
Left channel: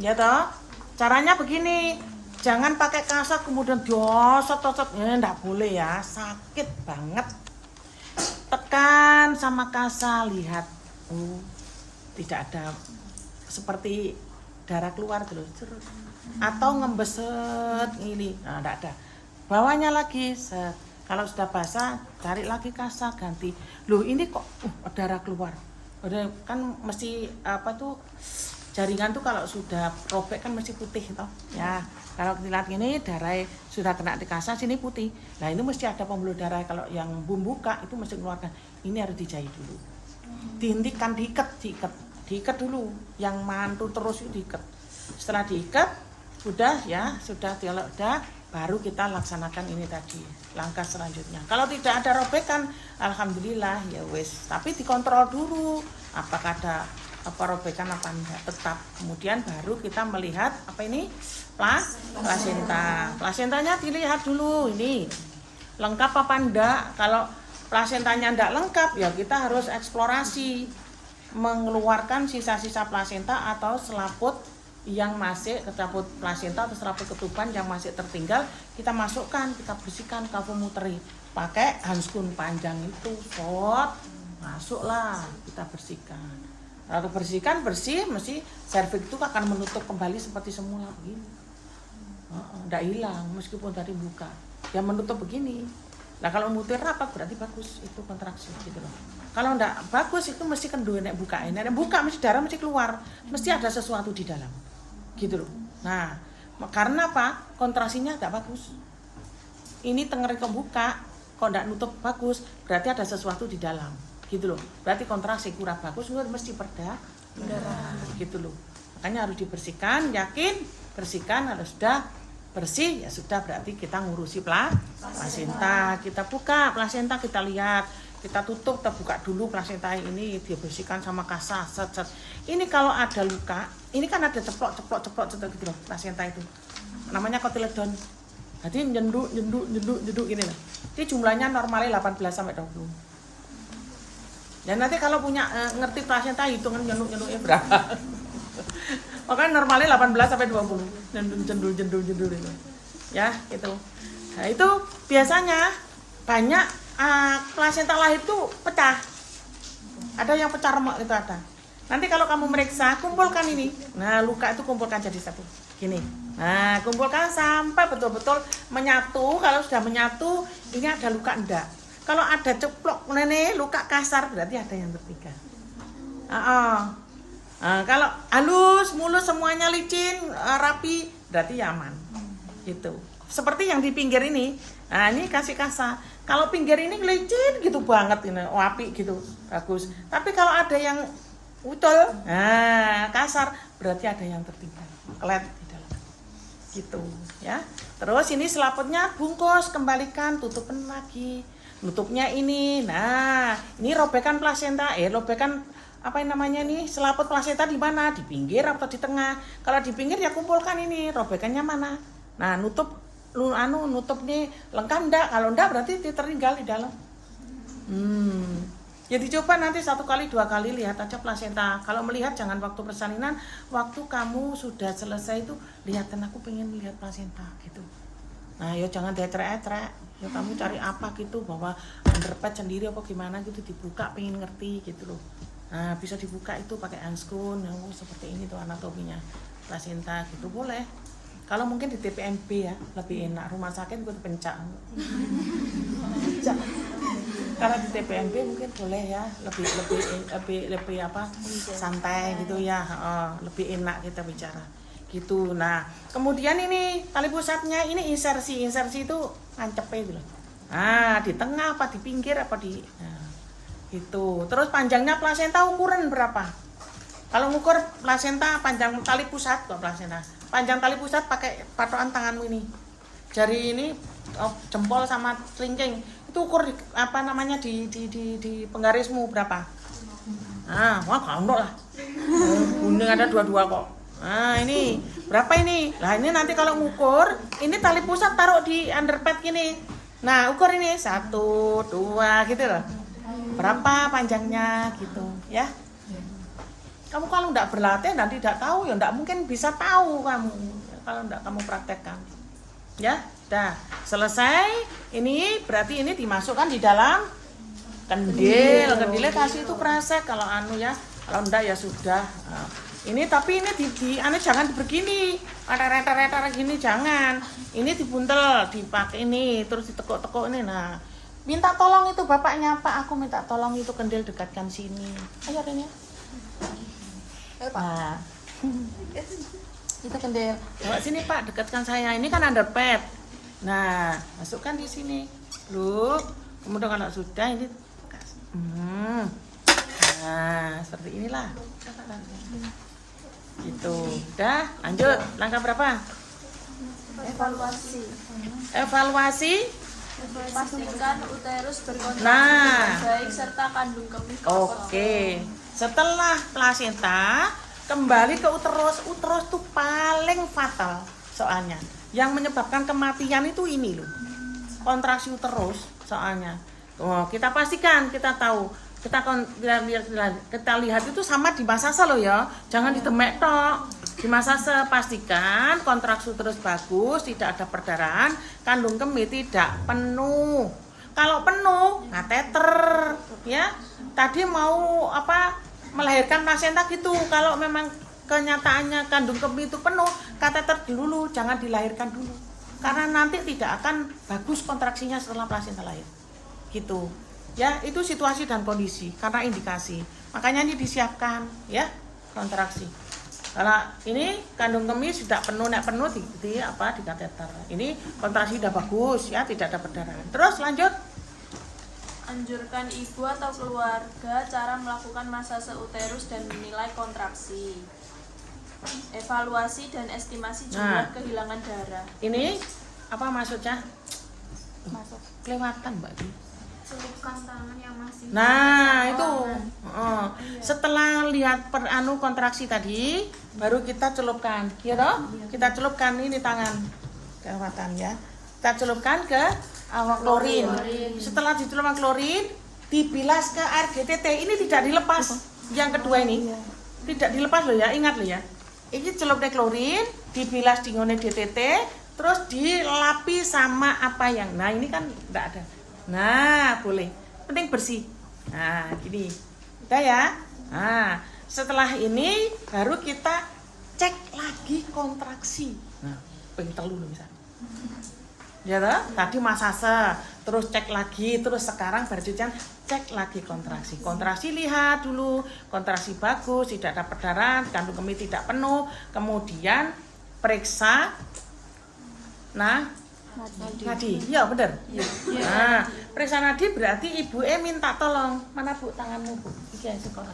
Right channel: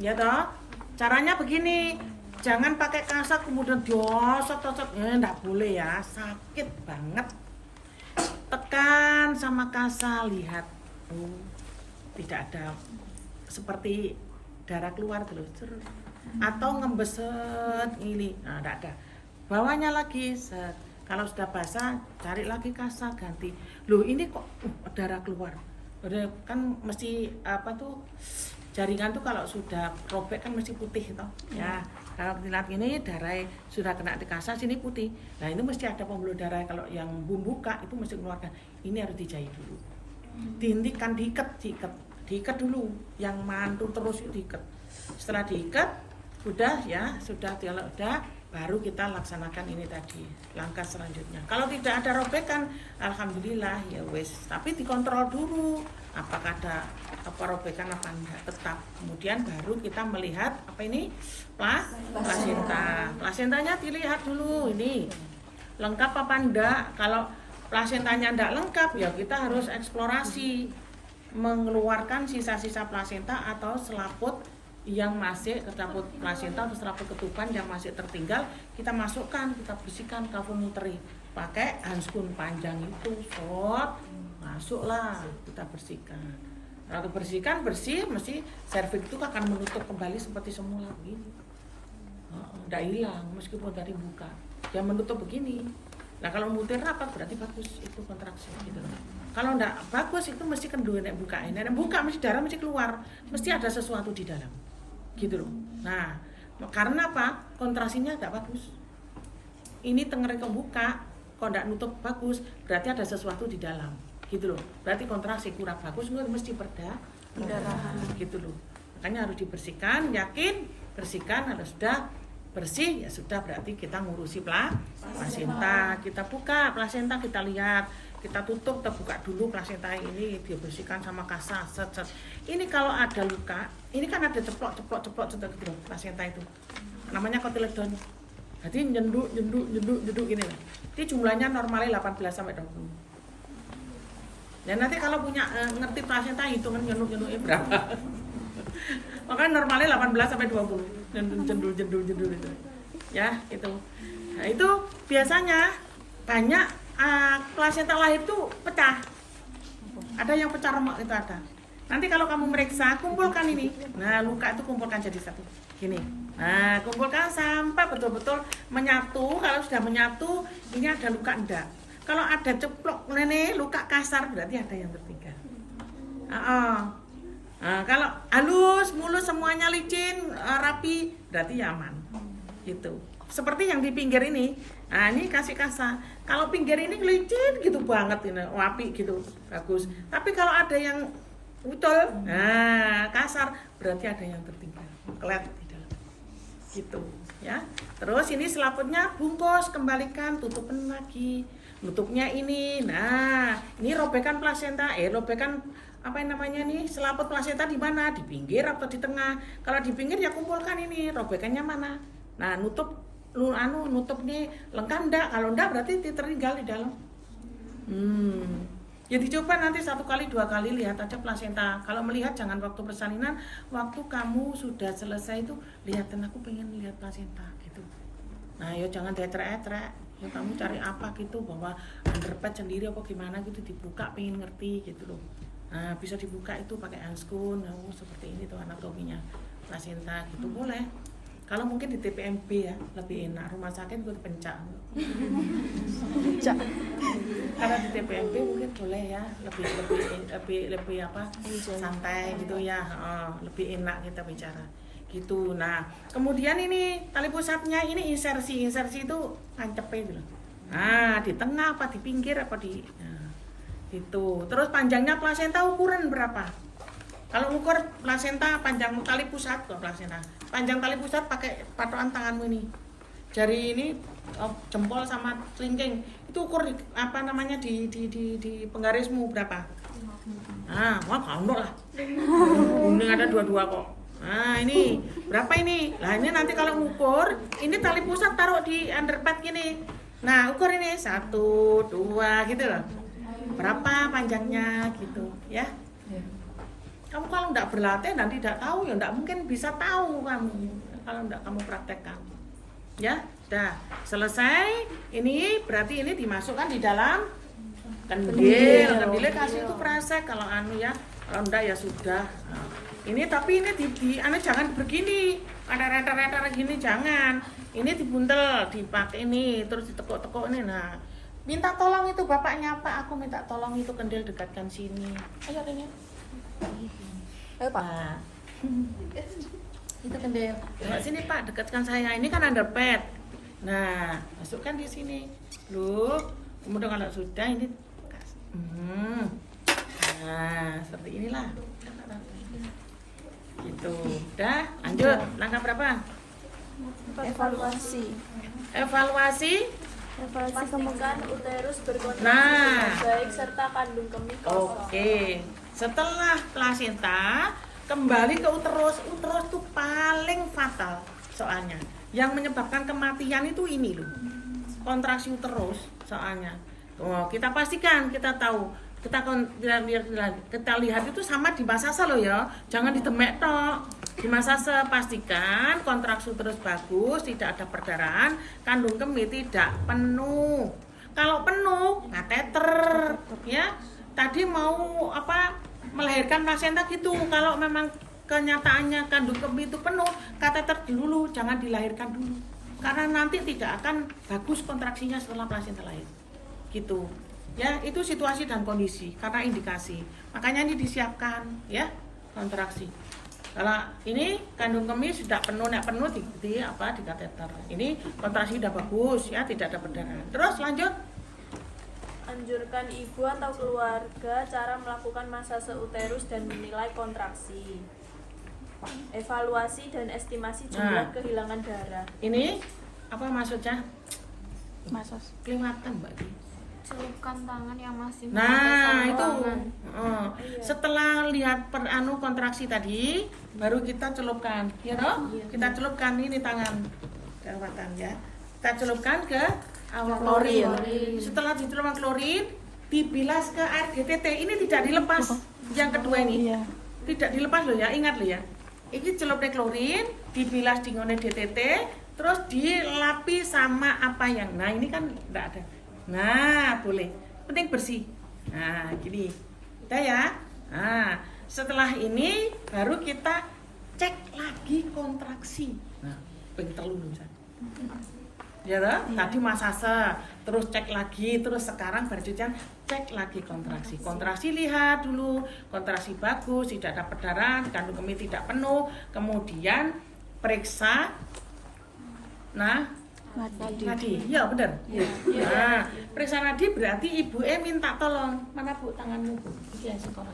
Ya toh? Caranya begini. Jangan pakai kasa kemudian dosot-dosot. Enggak boleh ya, sakit banget. Tekan sama kasa, lihat. Oh, tidak ada seperti darah keluar gitu loh. Atau ngembeset ini, nah enggak ada. Bawahnya lagi, set. Kalau sudah basah, cari lagi kasa, ganti. Loh ini kok darah keluar. Udah kan mesti apa tuh jaringan tuh kalau sudah robek kan mesti putih toh. Ya, kalau lihat ini darah sudah kena di kasa sini putih. Nah ini mesti ada pembuluh darah. Kalau yang buka itu mesti keluarkan. Ini harus dijahit dulu. Dihentikan, diikat dulu. Yang mantul terus diikat. Setelah diikat, sudah kalau udah baru kita laksanakan ini tadi langkah selanjutnya. Kalau tidak ada robekan, alhamdulillah ya wes. Tapi dikontrol dulu apakah ada robekan apa enggak tetap. Kemudian baru kita melihat apa ini plasenta. Plasentanya dilihat dulu ini lengkap apa enggak. Kalau plasentanya enggak lengkap ya kita harus eksplorasi mengeluarkan sisa-sisa plasenta atau selaput yang masih tercabut plasenta atau selaput ketuban yang masih tertinggal, kita masukkan, kita bersihkan kavumuteri pakai handskun panjang itu, masuklah kita bersihkan. Lalu bersihkan bersih, mesti serviks itu akan menutup kembali seperti semula begini. Tidak hilang meskipun tadi buka, yang menutup begini. Nah kalau mutir rapat berarti bagus, itu kontraksi gitu loh. Kalau enggak bagus itu mesti kendor nek buka ini, buka mesti darah mesti keluar, mesti ada sesuatu di dalam. Gitu loh. Nah, karena apa? Kontrasinya enggak bagus. Ini tengernya kebuka, kok enggak nutup bagus, berarti ada sesuatu di dalam. Gitu loh. Berarti kontraksi kurang bagus, mesti perda. Gitu loh. Makanya harus dibersihkan, yakin bersihkan, harus sudah bersih ya sudah berarti kita ngurusi plasenta. Kita buka plasenta, kita lihat, kita tutup, kita buka dulu plasenta ini, dibersihkan sama kasa, set. Ini kalau ada luka, ini kan ada ceplok gitu loh plasenta itu. Namanya kotiledon. Jadi nyenduk gini loh. Ini jumlahnya normalnya 18 sampai 20. Ya nanti kalau punya ngerti plasenta hitungan nyenduknya berapa. Makanya normalnya 18 sampai 20. Jendul itu. Ya, gitu. Nah, itu biasanya banyak plasenta lahir itu pecah. Ada yang pecah remak itu ada. Nanti kalau kamu meriksa, kumpulkan ini. Nah, luka itu kumpulkan jadi satu. Gini. Nah, kumpulkan sampai betul-betul menyatu. Kalau sudah menyatu, ini ada luka enggak. Kalau ada ceplok luka kasar berarti ada yang tertinggal. Nah, kalau halus, mulus semuanya licin, rapi, berarti aman. Gitu. Seperti yang di pinggir ini. Nah, ini kasih kasa. Kalau pinggir ini licin gitu banget ini, api gitu, bagus. Tapi kalau ada yang utul, nah kasar, berarti ada yang tertinggal, kelet di dalam. Gitu, ya. Terus ini selaputnya bungkus, kembalikan, tutupin lagi. Nutupnya ini. Nah, ini robekan plasenta, robekan apa yang namanya nih? Selaput plasenta di mana? Di pinggir atau di tengah? Kalau di pinggir ya kumpulkan ini, robekannya mana? Nah, nutup nih lengkap enggak? Kalau enggak berarti tertinggal di dalam. Ya dicoba nanti 1 kali 2 kali lihat aja plasenta. Kalau melihat jangan waktu persalinan, waktu kamu sudah selesai itu lihatin aku pengen lihat plasenta gitu. Nah ya jangan dietrek-etrek. Ya kamu cari apa gitu bahwa underpad sendiri apa gimana gitu dibuka pengen ngerti gitu loh. Nah bisa dibuka itu pakai handskun, seperti ini tuh anatominya plasenta gitu boleh. Kalau mungkin di TPNB ya lebih enak, rumah sakit gue dipencak. Kalau di TPNP mungkin boleh ya, lebih apa santai gitu ya, lebih enak kita bicara gitu. Nah kemudian ini tali pusatnya ini insersi itu nancepnya gitu. Nah di tengah apa di pinggir apa di gitu. Terus panjangnya plasenta ukuran berapa? Kalau ngukur plasenta panjang tali pusat kok plasenta. Panjang tali pusat pakai patokan tanganmu ini. Jari ini jempol sama kelingking itu ukur apa namanya di penggarismu berapa? Ah, wah kalau lah. Kuning ada dua-dua kok. Nah, ini berapa ini? Nah, ini nanti kalau ngukur, ini tali pusat taruh di underpad gini. Nah, ukur ini 1, 2 gitu loh. Berapa panjangnya gitu, ya? Kamu kalau enggak berlatih dan tidak tahu ya enggak mungkin bisa tahu kamu kalau enggak kamu praktekkan. Ya, dah selesai. Ini berarti ini dimasukkan di dalam kendilnya kasih itu kresek kalau ya. Kalau enggak ya sudah. Nah, ini tapi ini jangan begini. Rata-rata gini jangan. Ini dibuntel, dipakai ini terus ditekuk-tekuk ini. Nah, minta tolong itu bapaknya Pak, aku minta tolong itu kendil dekatkan sini. Ayo Rene. Nah. Itu kendil. Bawa sini Pak, dekatkan saya. Ini kan underpad. Nah, masukkan di sini. Loh, kemudian kalau sudah ini nah, seperti inilah. Gitu. Udah, lanjut. Langkah berapa? Evaluasi. Pastikan uterus berkontraksi Nah. dengan baik serta kandung kemih kosong. Oke. Setelah plasenta kembali ke uterus tuh paling fatal soalnya. Yang menyebabkan kematian itu ini loh. Kontraksi uterus soalnya. Oh, kita pastikan, kita tahu. Kita lihat itu sama di masase loh ya. Jangan ditemek tok. Di masase pastikan kontraksi uterus bagus, tidak ada perdarahan, kandung kemih tidak penuh. Kalau penuh, kateter ya. Tadi mau melahirkan plasenta gitu. Kalau memang kenyataannya kandung kemih itu penuh, kateter dulu, jangan dilahirkan dulu. Karena nanti tidak akan bagus kontraksinya setelah plasenta lahir. Gitu. Ya, itu situasi dan kondisi karena indikasi. Makanya ini disiapkan ya, kontraksi. Kalau ini kandung kemih sudah penuh, di kateter. Ini kontraksi sudah bagus ya, tidak ada perdarahan. Terus lanjut. Anjurkan ibu atau keluarga cara melakukan masase uterus dan menilai kontraksi. Evaluasi dan estimasi jumlah kehilangan darah. Ini apa maksudnya? Kelewatan Mbak. Celupkan tangan yang masih Nah itu setelah lihat kontraksi tadi baru kita celupkan, ya toh? Kita celupkan ini di tangan, kelewatan ya. Kita celupkan ke klorin. Setelah dicelupkan klorin, dibilas ke air GTT. Ini tidak dilepas. Yang kedua ini tidak dilepas loh ya, ingat loh ya. Ini celupnya klorin, dibilas di ngone GTT, terus dilapi sama apa yang. Nah ini kan enggak ada. Nah, boleh. Penting bersih. Nah, gini. Udah ya. Nah, setelah ini baru kita cek lagi kontraksi. Nah, pengen telur misalnya. Ya toh? Tadi masase, terus cek lagi, terus sekarang baru cek lagi kontraksi. Kontraksi lihat dulu, kontraksi bagus, tidak ada perdarahan, kandung kemih tidak penuh. Kemudian periksa nadi, iya benar. Nah, periksa nadi berarti ibu minta tolong. Mana Bu tanganmu Bu? Iki singkono.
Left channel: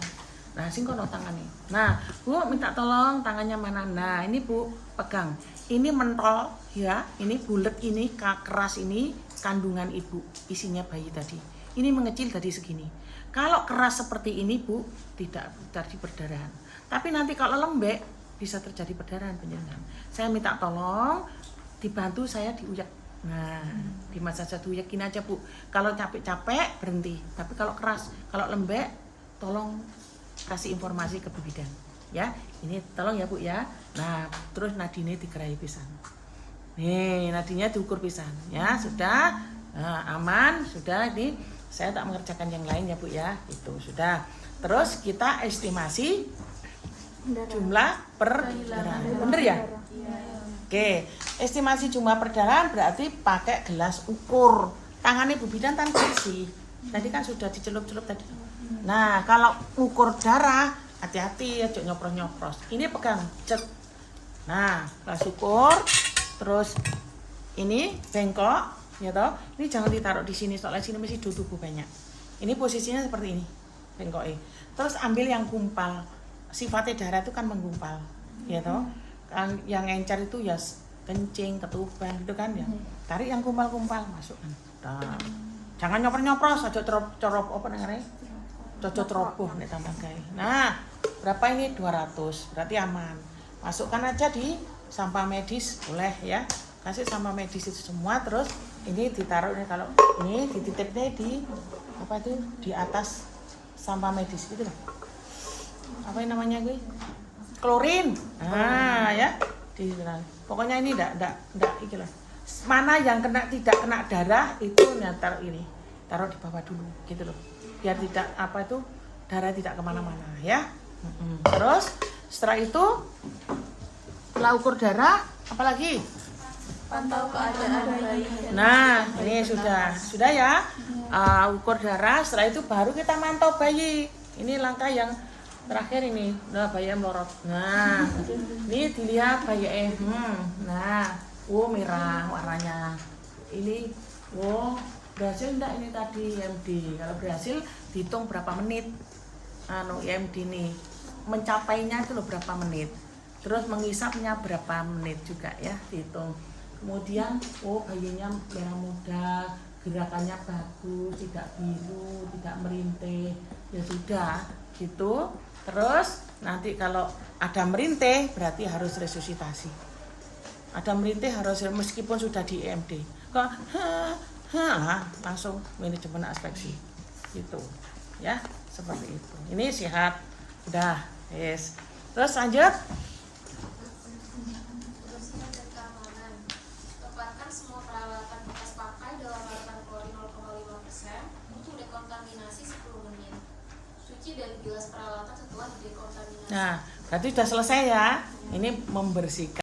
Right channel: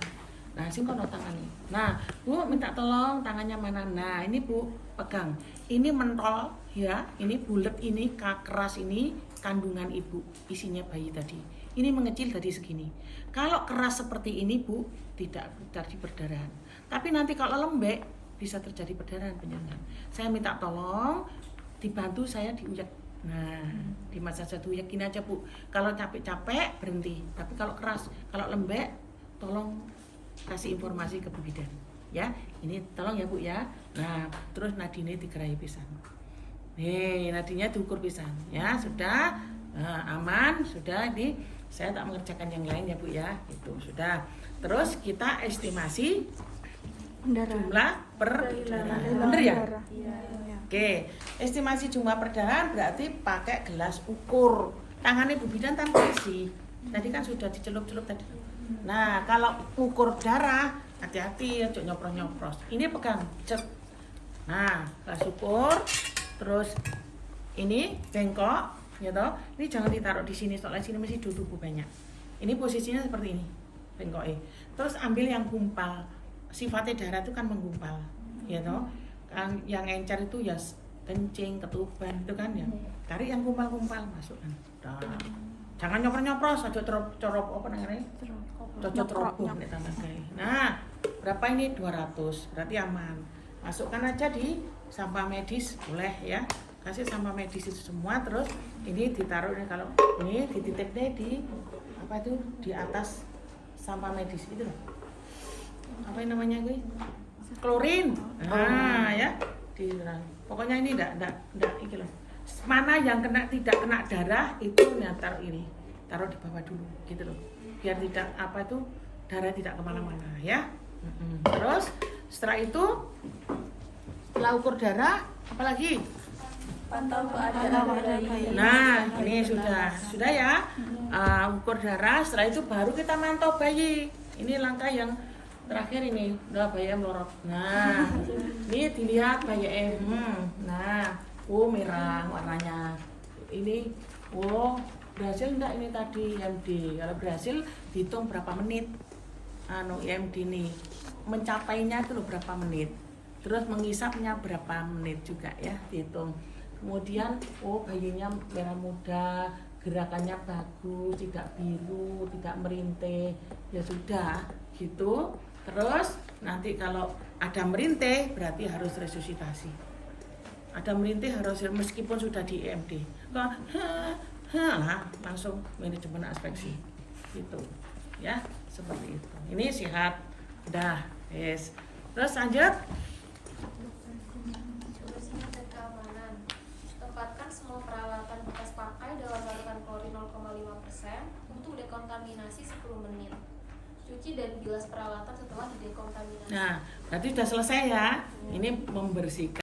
Nah, singkono tangannya. Nah, Bu minta tolong tangannya mana? Nah, ini Bu pegang. Ini mentol ya, ini bulat ini keras ini kandungan ibu, isinya bayi tadi. Ini mengecil tadi segini. Kalau keras seperti ini Bu, tidak terjadi perdarahan. Tapi nanti kalau lembek bisa terjadi perdarahan penyerang. Saya minta tolong dibantu saya diuyak. Nah, di masa satu yakin aja Bu. Kalau capek-capek berhenti. Tapi kalau keras, kalau lembek, tolong kasih informasi ke Bu Bidan. Ya, ini tolong ya Bu ya. Nah, terus nadinya digerai pisan. Nih, nadinya diukur pisan. Ya, sudah. Nah, aman, sudah. Ini saya tak mengerjakan yang lain ya Bu ya. Itu sudah. Terus kita estimasi jumlah perdarahan. Bener ya? Oke, estimasi jumlah perdarahan berarti pakai gelas ukur. Tangannya Bu Bidan tanpa isi. Tadi kan sudah dicelup-celup tadi. Nah, kalau ukur darah, hati-hati, jangan nyopros-nyopros. Ini pegang, cek. Nah, pas ukur, terus ini bengkok, ya toh. Ini jangan ditaruh di sini, soalnya sini masih tubuh banyak. Ini posisinya seperti ini, bengkoknya. Terus ambil yang gumpal. Sifatnya darah itu kan menggumpal, ya toh. Kan yang encer itu ya kencing, ketuban, itu kan ya. Tarik yang gumpal-gumpal, masukkan. Nah, jangan nyopros-nyopros, aja corop apa namanya? Cocok roboh nek sampean gawe. Nah, berapa ini 200, berarti aman. Masukkan aja di sampah medis, boleh ya. Kasih sampah medis itu semua, terus ini ditaruh nih, kalau ini dititipnya di apa itu di atas sampah medis itu loh. Apa yang namanya ini? Klorin. Nah, ya. Pokoknya ini enggak itu lah. Mana yang tidak kena darah itu nyantar ini. Taruh di bawah dulu gitu loh. Biar tidak apa itu darah tidak kemana-mana ya. Terus setelah itu setelah ukur darah apalagi Pantau keadaan bayi. nah ini sudah ya. Ukur darah, setelah itu baru kita mantau bayi. Ini langkah yang terakhir ini. Nah, bayi melorot. Nah ini dilihat bayi nah merah warnanya. Ini berhasil enggak ini tadi IMD. Kalau berhasil dihitung berapa menit IMD ini mencapainya itu loh berapa menit, terus mengisapnya berapa menit juga ya dihitung. Kemudian bayinya merah muda, gerakannya bagus, tidak biru, tidak merintih, ya sudah gitu. Terus nanti kalau ada merintih berarti harus resusitasi. Ada merintih harus, meskipun sudah di IMD kok langsung manajemen aspeksi gitu ya, seperti itu. Ini sehat udah yes. Terus lanjut. Kebersihan dan keamanan. Tempatkan semua peralatan bekas pakai dalam larutan klorin 0,5% untuk dekontaminasi 10 menit. Cuci dan bilas peralatan setelah didekontaminasi. Nah berarti sudah selesai ya. Ini membersihkan